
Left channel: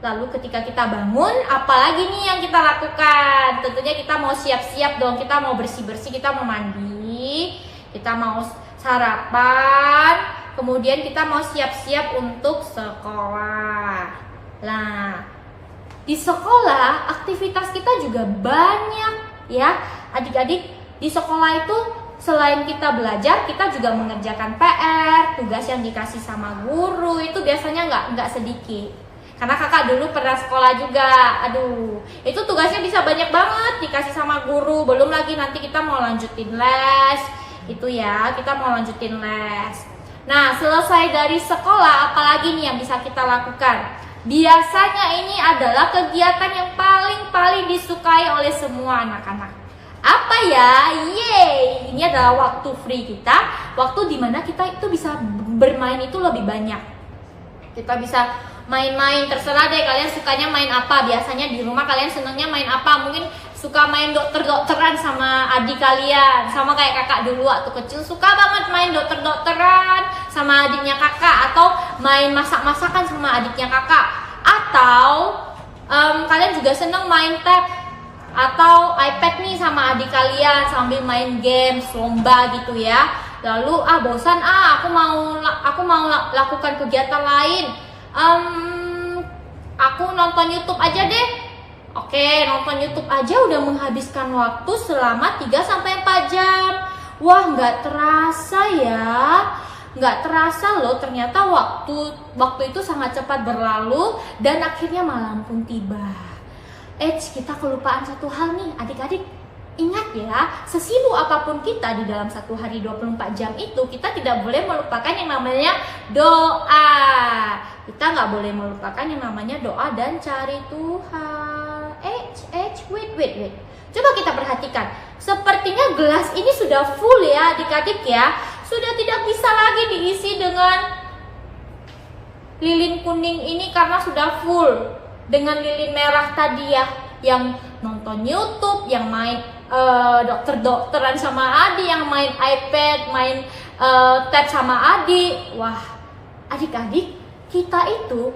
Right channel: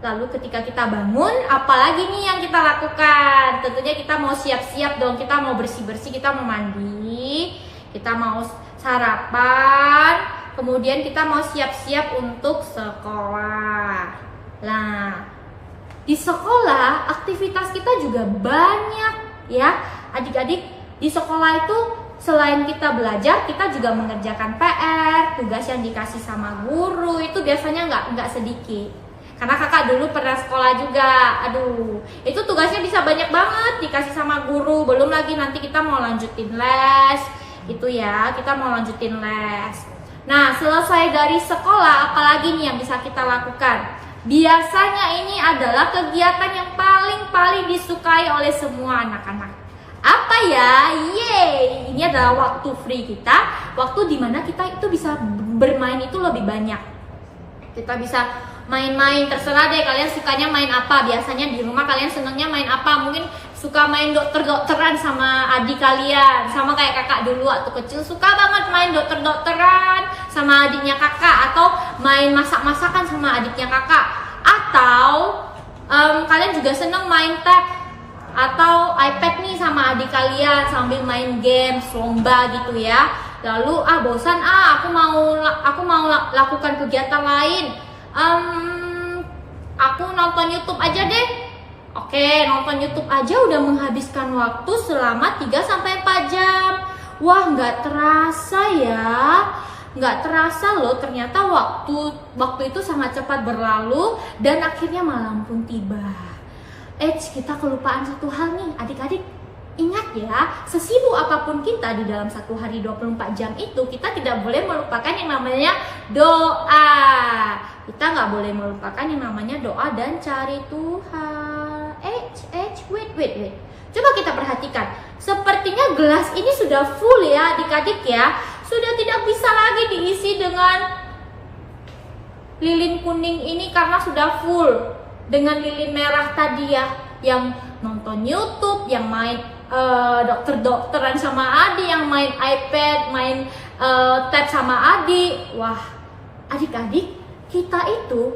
Lalu ketika kita bangun, apalagi nih yang kita lakukan? Tentunya kita mau siap-siap dong, kita mau bersih-bersih, kita mau mandi, kita mau sarapan, kemudian kita mau siap-siap untuk sekolah. Nah, di sekolah aktivitas kita juga banyak ya adik-adik. Di sekolah itu selain kita belajar, kita juga mengerjakan PR, tugas yang dikasih sama guru itu biasanya nggak sedikit. Karena kakak dulu pernah sekolah juga, aduh, itu tugasnya bisa banyak banget dikasih sama guru. Belum lagi nanti kita mau lanjutin les, itu ya, kita mau lanjutin les. Nah, selesai dari sekolah, apalagi nih yang bisa kita lakukan? Biasanya ini adalah kegiatan yang paling disukai oleh semua anak-anak. Apa ya? Yeay, ini adalah waktu free kita, waktu dimana kita itu bisa bermain itu lebih banyak. Kita bisa main-main, terserah deh kalian sukanya main apa. Biasanya di rumah kalian senangnya main apa? Mungkin suka main dokter-dokteran sama adik kalian, sama kayak kakak dulu waktu kecil suka banget main dokter-dokteran sama adiknya kakak, atau main masak-masakan sama adiknya kakak, atau kalian juga senang main tab atau iPad nih sama adik kalian sambil main games, lomba gitu ya. Lalu bosan aku mau lakukan kegiatan lain. Aku nonton YouTube aja deh. Oke, nonton YouTube aja udah menghabiskan waktu selama 3-4 jam. Wah, nggak terasa ya. Nggak terasa loh, ternyata waktu itu sangat cepat berlalu dan akhirnya malam pun tiba. Kita kelupaan satu hal nih adik-adik. Ingat ya, sesibuk apapun kita di dalam satu hari 24 jam itu, kita tidak boleh melupakan yang namanya doa. Kita nggak boleh melupakan yang namanya doa dan cari Tuhan. Wait. Coba kita perhatikan. Sepertinya gelas ini sudah full ya adik-adik ya. Sudah tidak bisa lagi diisi dengan lilin kuning ini karena sudah full. Dengan lilin merah tadi ya, yang nonton YouTube, yang main dokter-dokteran sama adik, yang main iPad, main tab sama adik. Wah, adik-adik, kita itu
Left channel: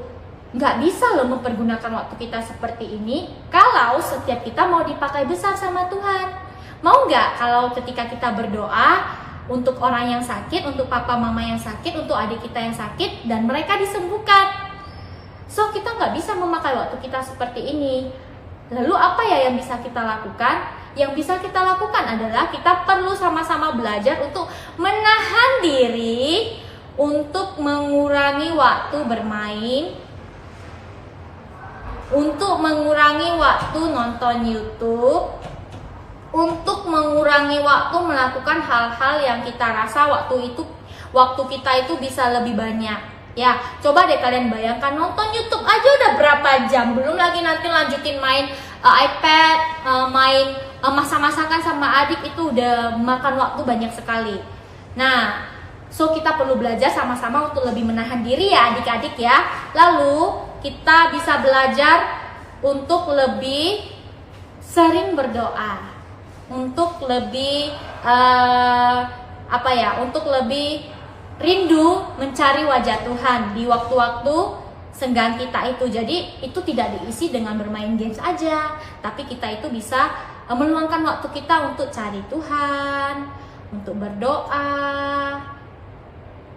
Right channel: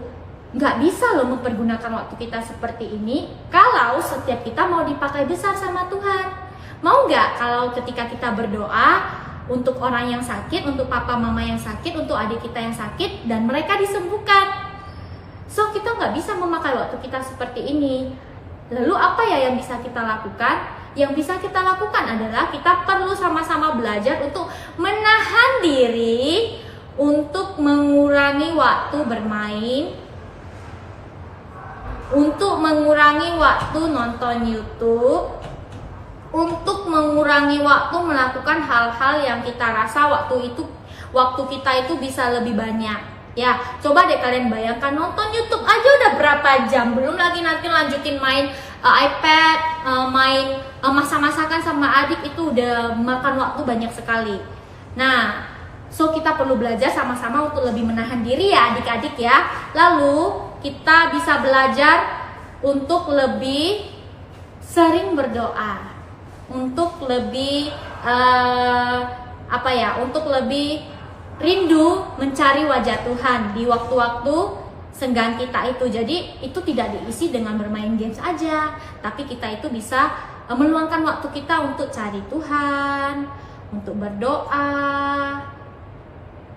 nggak bisa loh mempergunakan waktu kita seperti ini kalau setiap kita mau dipakai besar sama Tuhan. Mau nggak kalau ketika kita berdoa untuk orang yang sakit, untuk papa mama yang sakit, untuk adik kita yang sakit, dan mereka disembuhkan? So, kita nggak bisa memakai waktu kita seperti ini. Lalu apa ya yang bisa kita lakukan? Yang bisa kita lakukan adalah kita perlu sama-sama belajar untuk menahan diri, untuk mengurangi waktu bermain, untuk mengurangi waktu nonton YouTube, untuk mengurangi waktu melakukan hal-hal yang kita rasa waktu kita itu bisa lebih banyak. Ya, coba deh kalian bayangkan, nonton YouTube aja udah berapa jam, belum lagi nanti lanjutin main iPad, main masak-masakan sama adik, itu udah makan waktu banyak sekali. Nah, so kita perlu belajar sama-sama untuk lebih menahan diri ya adik-adik ya. Lalu kita bisa belajar untuk lebih sering berdoa, untuk lebih untuk lebih rindu mencari wajah Tuhan di waktu-waktu senggang kita itu. Jadi itu tidak diisi dengan bermain games aja, tapi kita itu bisa meluangkan waktu kita untuk cari Tuhan, untuk berdoa,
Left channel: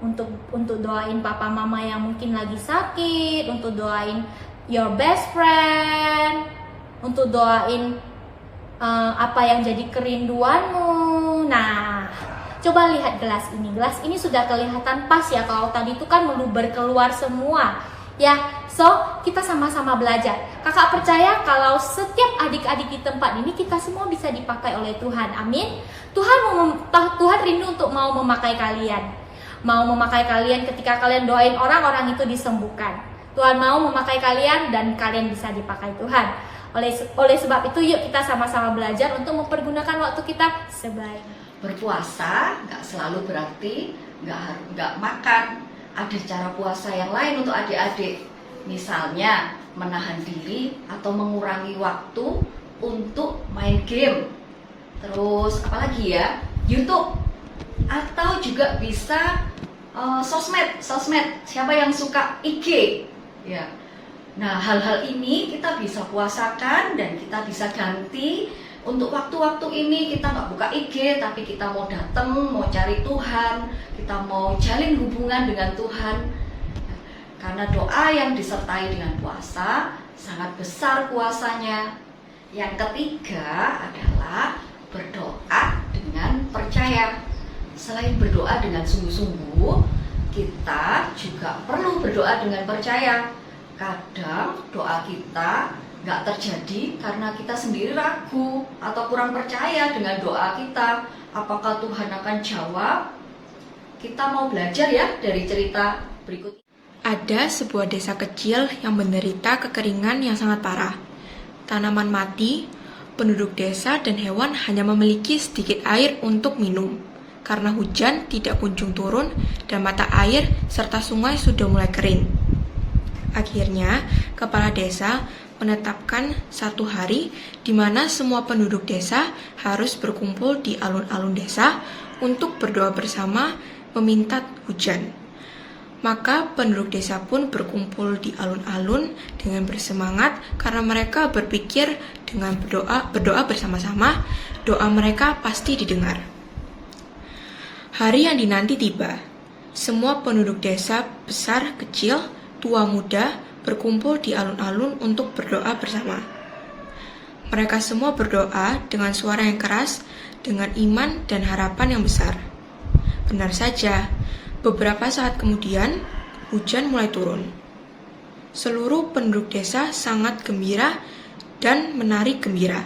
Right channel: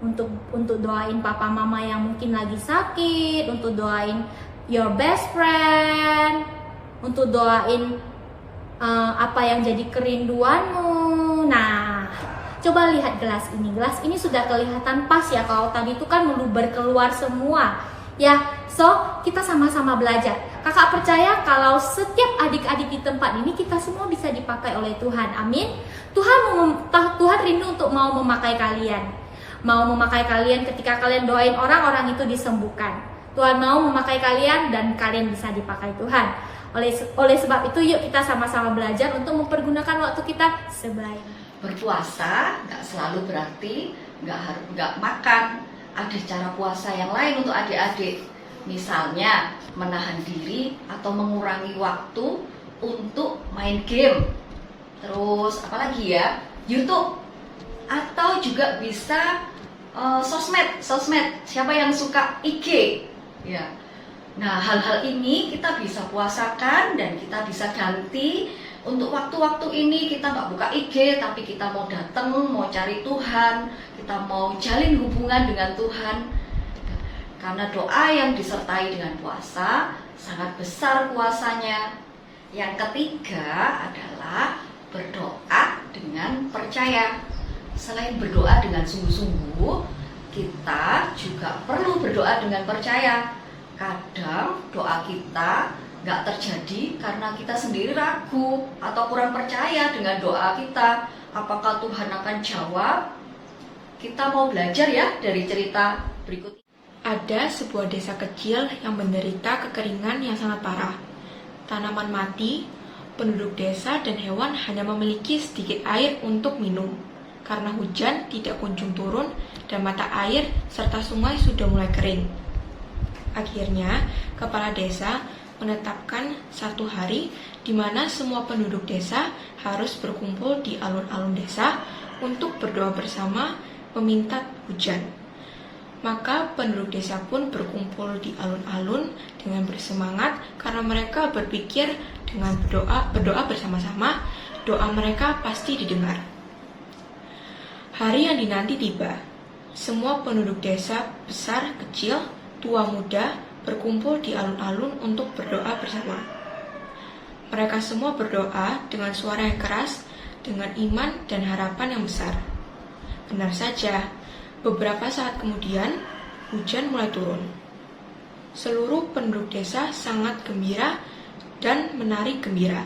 untuk doain papa mama yang mungkin lagi sakit, untuk doain your best friend, untuk doain apa yang jadi kerinduanmu. Nah, coba lihat gelas ini. Gelas ini sudah kelihatan pas ya, kalau tadi itu kan meluber keluar semua. Ya, so kita sama-sama belajar. Kakak percaya kalau setiap adik-adik di tempat ini kita semua bisa dipakai oleh Tuhan. Amin. Tuhan rindu untuk mau memakai kalian. Mau memakai kalian ketika kalian doain orang-orang itu disembuhkan. Tuhan mau memakai kalian dan kalian bisa dipakai Tuhan. Oleh sebab itu, yuk kita sama-sama belajar untuk mempergunakan waktu kita sebaik. Berpuasa nggak selalu berarti nggak makan. Ada cara puasa yang lain untuk adik-adik. Misalnya menahan diri atau mengurangi waktu untuk main game. Terus apalagi ya, YouTube. Atau juga bisa sosmed. Siapa yang suka IG? Ya. Nah, hal-hal ini kita bisa puasakan dan kita bisa ganti. Untuk waktu-waktu ini kita nggak buka IG, tapi kita mau datang, mau cari Tuhan, kita mau jalin hubungan dengan Tuhan. Karena doa yang disertai dengan puasa sangat besar kuasanya. Yang ketiga adalah berdoa dengan percaya. Selain berdoa dengan sungguh-sungguh, kita juga perlu berdoa dengan percaya. Kadang doa kita nggak terjadi karena kita sendiri ragu atau kurang percaya dengan doa kita. Apakah Tuhan akan jawab? Kita mau belajar ya dari cerita berikut. Ada sebuah desa kecil yang menderita kekeringan yang sangat parah. Tanaman mati, penduduk desa dan hewan hanya memiliki sedikit air untuk minum. Karena hujan tidak kunjung turun dan mata air serta sungai sudah mulai kering. Akhirnya, kepala desa menetapkan satu hari di mana semua penduduk desa harus berkumpul di alun-alun desa untuk berdoa bersama meminta hujan. Maka penduduk desa pun berkumpul di alun-alun dengan bersemangat karena mereka berpikir dengan berdoa bersama-sama, doa mereka pasti didengar. Hari yang dinanti tiba. Semua penduduk desa besar, kecil, tua muda berkumpul di alun-alun untuk berdoa bersama. Mereka semua berdoa dengan suara yang keras, dengan iman dan harapan yang besar. Benar saja, beberapa saat kemudian hujan mulai turun. Seluruh penduduk desa sangat gembira dan menari gembira.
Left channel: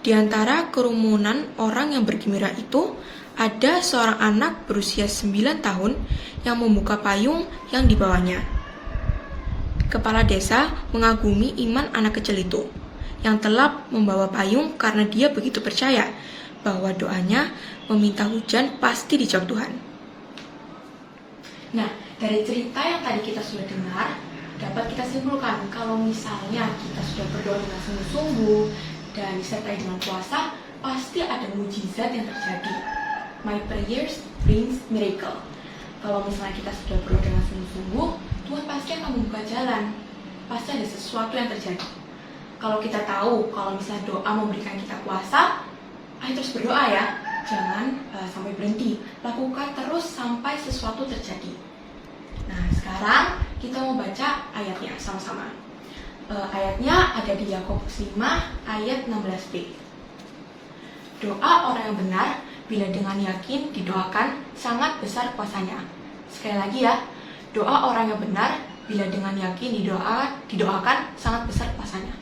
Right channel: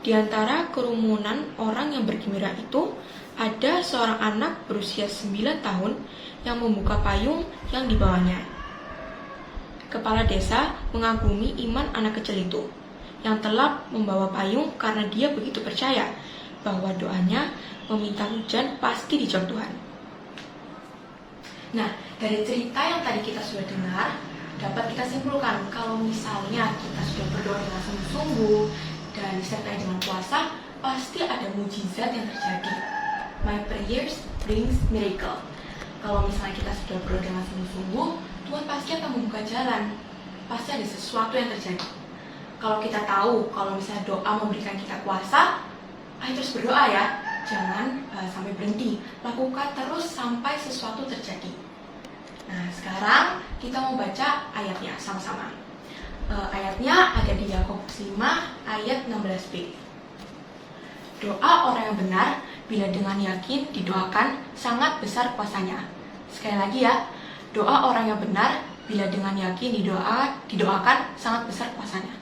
Di antara kerumunan orang yang bergembira itu, ada seorang anak berusia 9 tahun yang membuka payung yang dibawanya. Kepala desa mengagumi iman anak kecil itu, yang telah membawa payung karena dia begitu percaya bahwa doanya meminta hujan pasti dijawab Tuhan. Nah, dari cerita yang tadi kita sudah dengar, dapat kita simpulkan kalau misalnya kita sudah berdoa dengan sungguh-sungguh dan disertai dengan puasa, pasti ada mujizat yang terjadi. My prayers brings miracle. Kalau misalnya kita sudah berdoa dengan sungguh-sungguh, Tuhan pasti akan membuka jalan. Pasti ada sesuatu yang terjadi. Kalau kita tahu, kalau misalnya doa memberikan kita kuasa, ayo terus berdoa ya. Jangan sampai berhenti. Lakukan terus sampai sesuatu terjadi. Nah, sekarang kita mau baca ayatnya sama-sama. Ayatnya ada di Yakobus 5 ayat 16b. Doa orang yang benar bila dengan yakin didoakan sangat besar kuasanya. Sekali lagi ya, doa orang yang benar bila dengan yakin didoakan sangat besar kuasanya.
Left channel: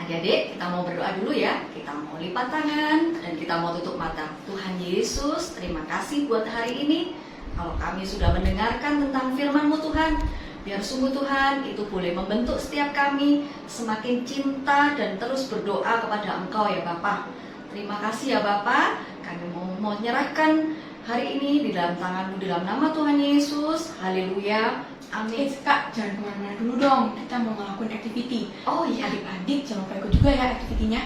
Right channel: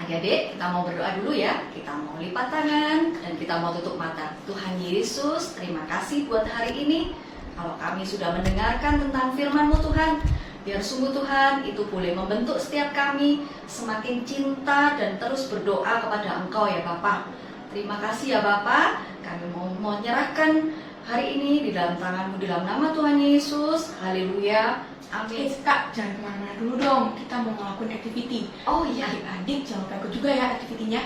Adik-adik, kita mau berdoa dulu ya. Kita mau lipat tangan dan kita mau tutup mata. Tuhan Yesus, terima kasih buat hari ini. Kalau kami sudah mendengarkan tentang firman-Mu Tuhan, biar sungguh Tuhan itu boleh membentuk setiap kami semakin cinta dan terus berdoa kepada Engkau ya Bapa. Terima kasih ya Bapa. Kami mau menyerahkan hari ini di dalam tangan-Mu, di dalam nama Tuhan Yesus. Haleluya. Amin. Kak, jangan kemana-mana dulu dong. Kita mau ngelakuin activity. Oh iya. Adik-adik jangan lupa ikut juga ya activity-nya.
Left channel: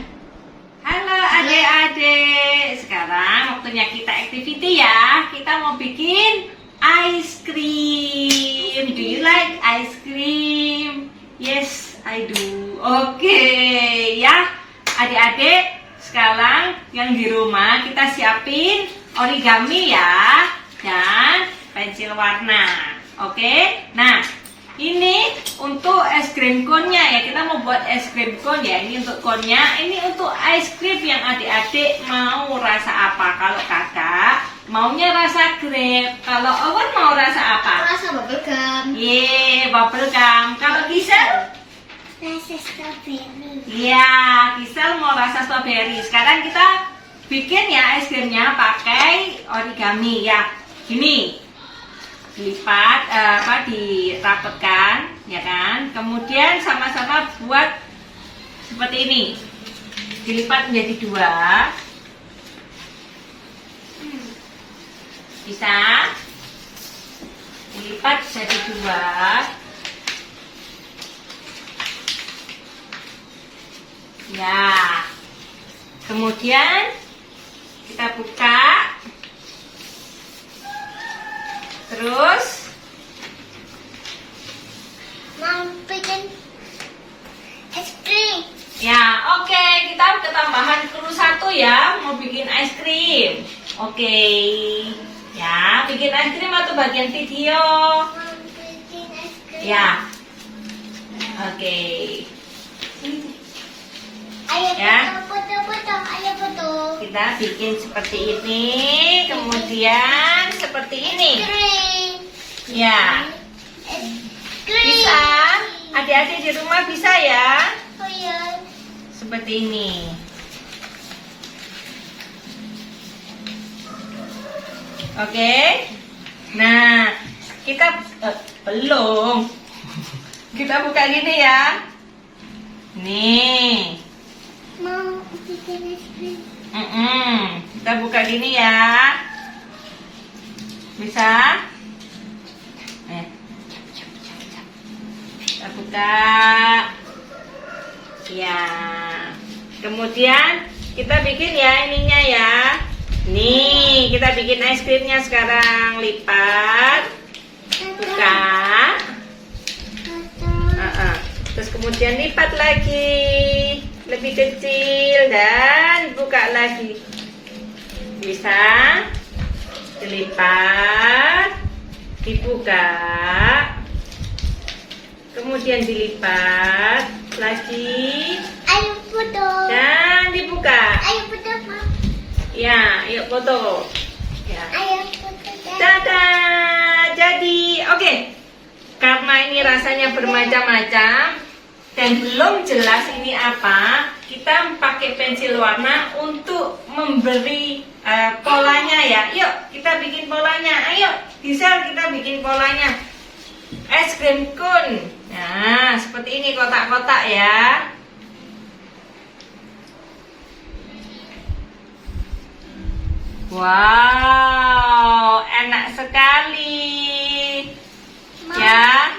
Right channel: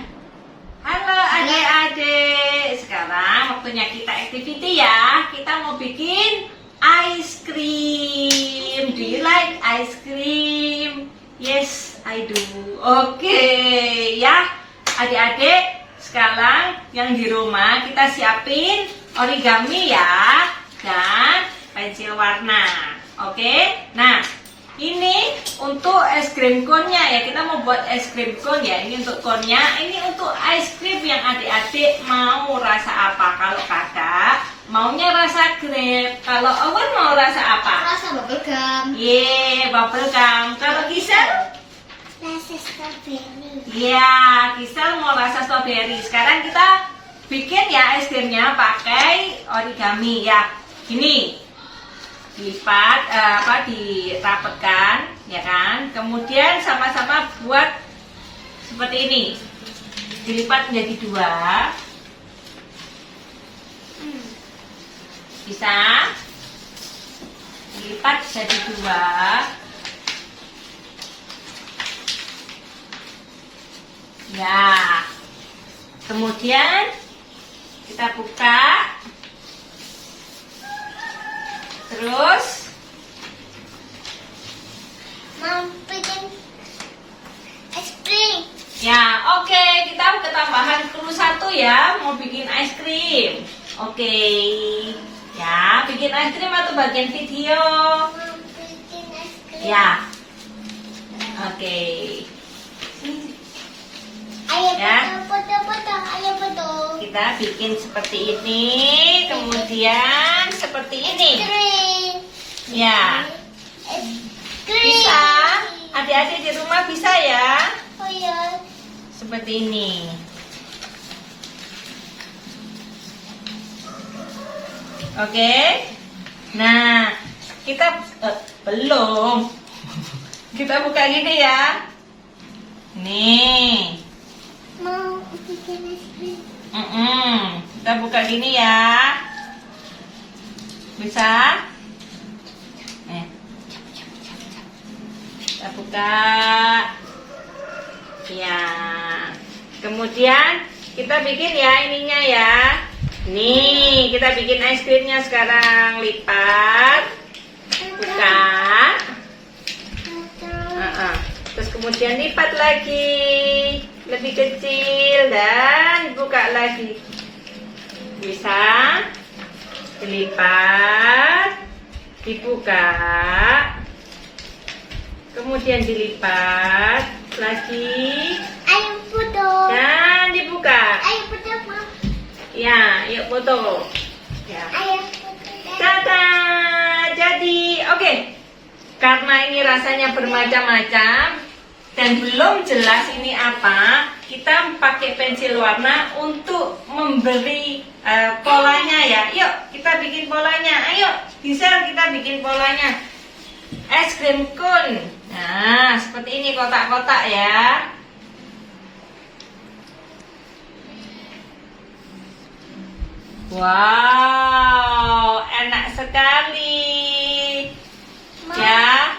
Halo adik-adik, sekarang waktunya kita activity ya. Kita mau bikin ice cream. Do you like ice cream? Yes, I do. Oke, ya adik-adik, sekarang yang di rumah kita siapin origami ya dan pensil warna. Oke, nah ini untuk es krim cone-nya ya, kita mau buat es krim cone ya. Ini untuk cone-nya, ini untuk ice cream yang adik-adik mau rasa apa. Kalau kakak maunya rasa grape, kalau Owen mau rasa apa? Rasa bubblegum. Yeay, bubblegum. Kalau Gisel? Rasa strawberry. Ya, Gisel mau rasa strawberry. Sekarang kita bikin ya es krimnya pakai origami ya. Ini dilipat, dirapetkan, ya kan? Kemudian sama-sama buat seperti ini. Dilipat menjadi 2. Bisa? Dilipat jadi 2. Ya. Kemudian kita buka. Terus Mau bikin es krim. ya, oke, kita ketambahan perlu 1 ya, mau bikin es krim. Oke. Ya, bikin es krim atau bagian video? Mau bikin es krim. Ya. Oke. Ayo Ya. foto-foto, ayo foto. Kita bikin seperti ini, kemudian seperti ini. Krim. Ya. Krim. Bisa? Adik-adik di rumah bisa ya? Oh iya. Seperti ini. Oke. Nah, kita belum. Kita buka gini ya. Nih. Mau bikin es krim. Kita buka gini ya. Bisa? Kita buka. Ya. Kemudian kita bikin ya ininya ya. Nih, kita bikin es krimnya sekarang. Lipat. Buka. Terus kemudian lipat lagi. Lebih kecil dan buka lagi. Bisa? Dilipat. Dibuka. Kemudian dilipat lagi. Ayo foto. Dan dibuka. Ayo foto, Mama. Ya, yuk foto. Ya. Ayo foto. Dadah, jadi oke. Karena ini rasanya bermacam-macam, dan belum jelas ini apa, kita pakai pensil warna untuk memberi polanya ya. Yuk kita bikin polanya. Ayo Gisel, kita bikin polanya. Es krim cone. Nah seperti ini kotak-kotak ya. Wow, enak sekali. Ya.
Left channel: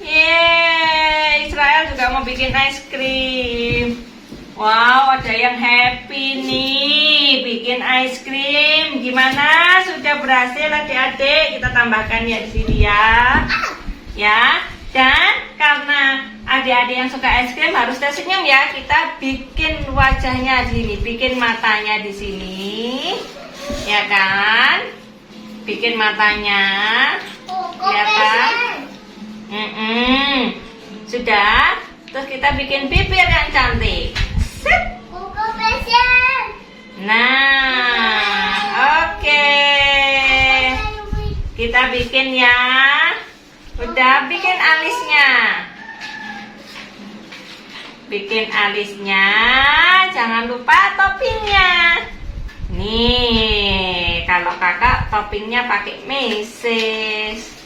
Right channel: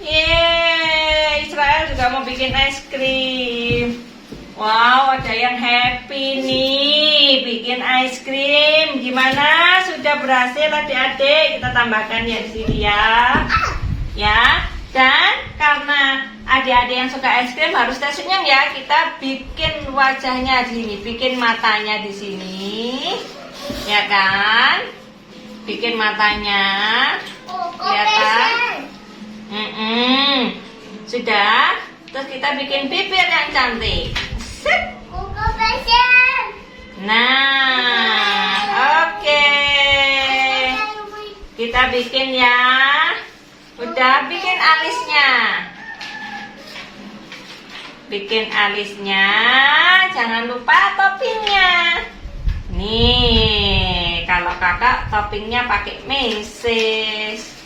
Yeay, Israel juga mau bikin es krim. Wow, ada yang happy nih bikin es krim. Gimana? Sudah berhasil adik-adik? Kita tambahkan ya di sini ya. Ya. Dan karena adik-adik yang suka es krim harus tersenyum ya. Kita bikin wajahnya di sini, bikin matanya di sini. Ya kan? Bikin matanya. Kelihatan? Sudah. Terus kita bikin bibir yang cantik. Set. Nah, oke. Kita bikin ya. Udah bikin alisnya. Bikin alisnya. Jangan lupa toppingnya. Nih, kalau kakak toppingnya pakai meses.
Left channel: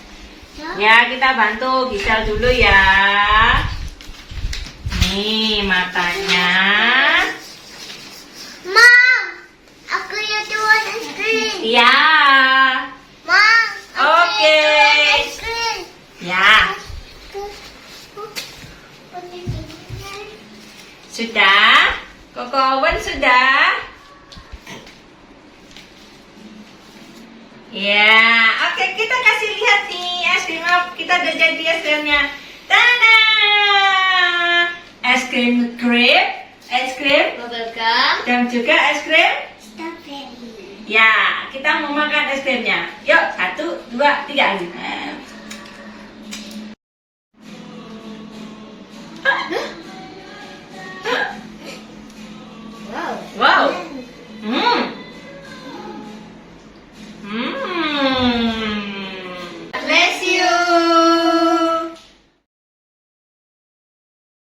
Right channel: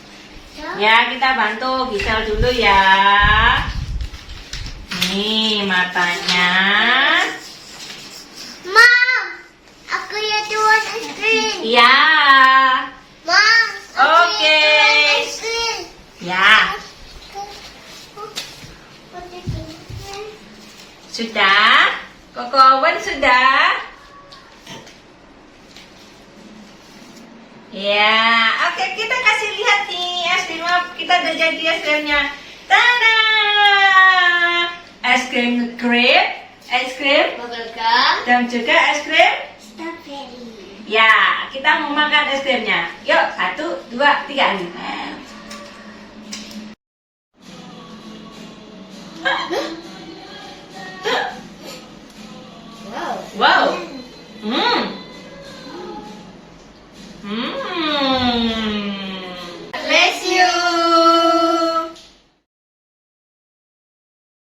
Ya, kita bantu Gisel dulu ya. Nih matanya. Mom, aku lihat buat es krim. Iya. Mom, Oke. es krim. Ya. Sudah? Koko Owen sudah? Ya, oke kita kasih lihat nih es krim kita udah jadi es krimnya. Tada! Es krim grape, es krim Bubblegum. dan juga es krim. Strawberry. Ya, kita mau makan es krimnya. Yuk, 1, 2, 3.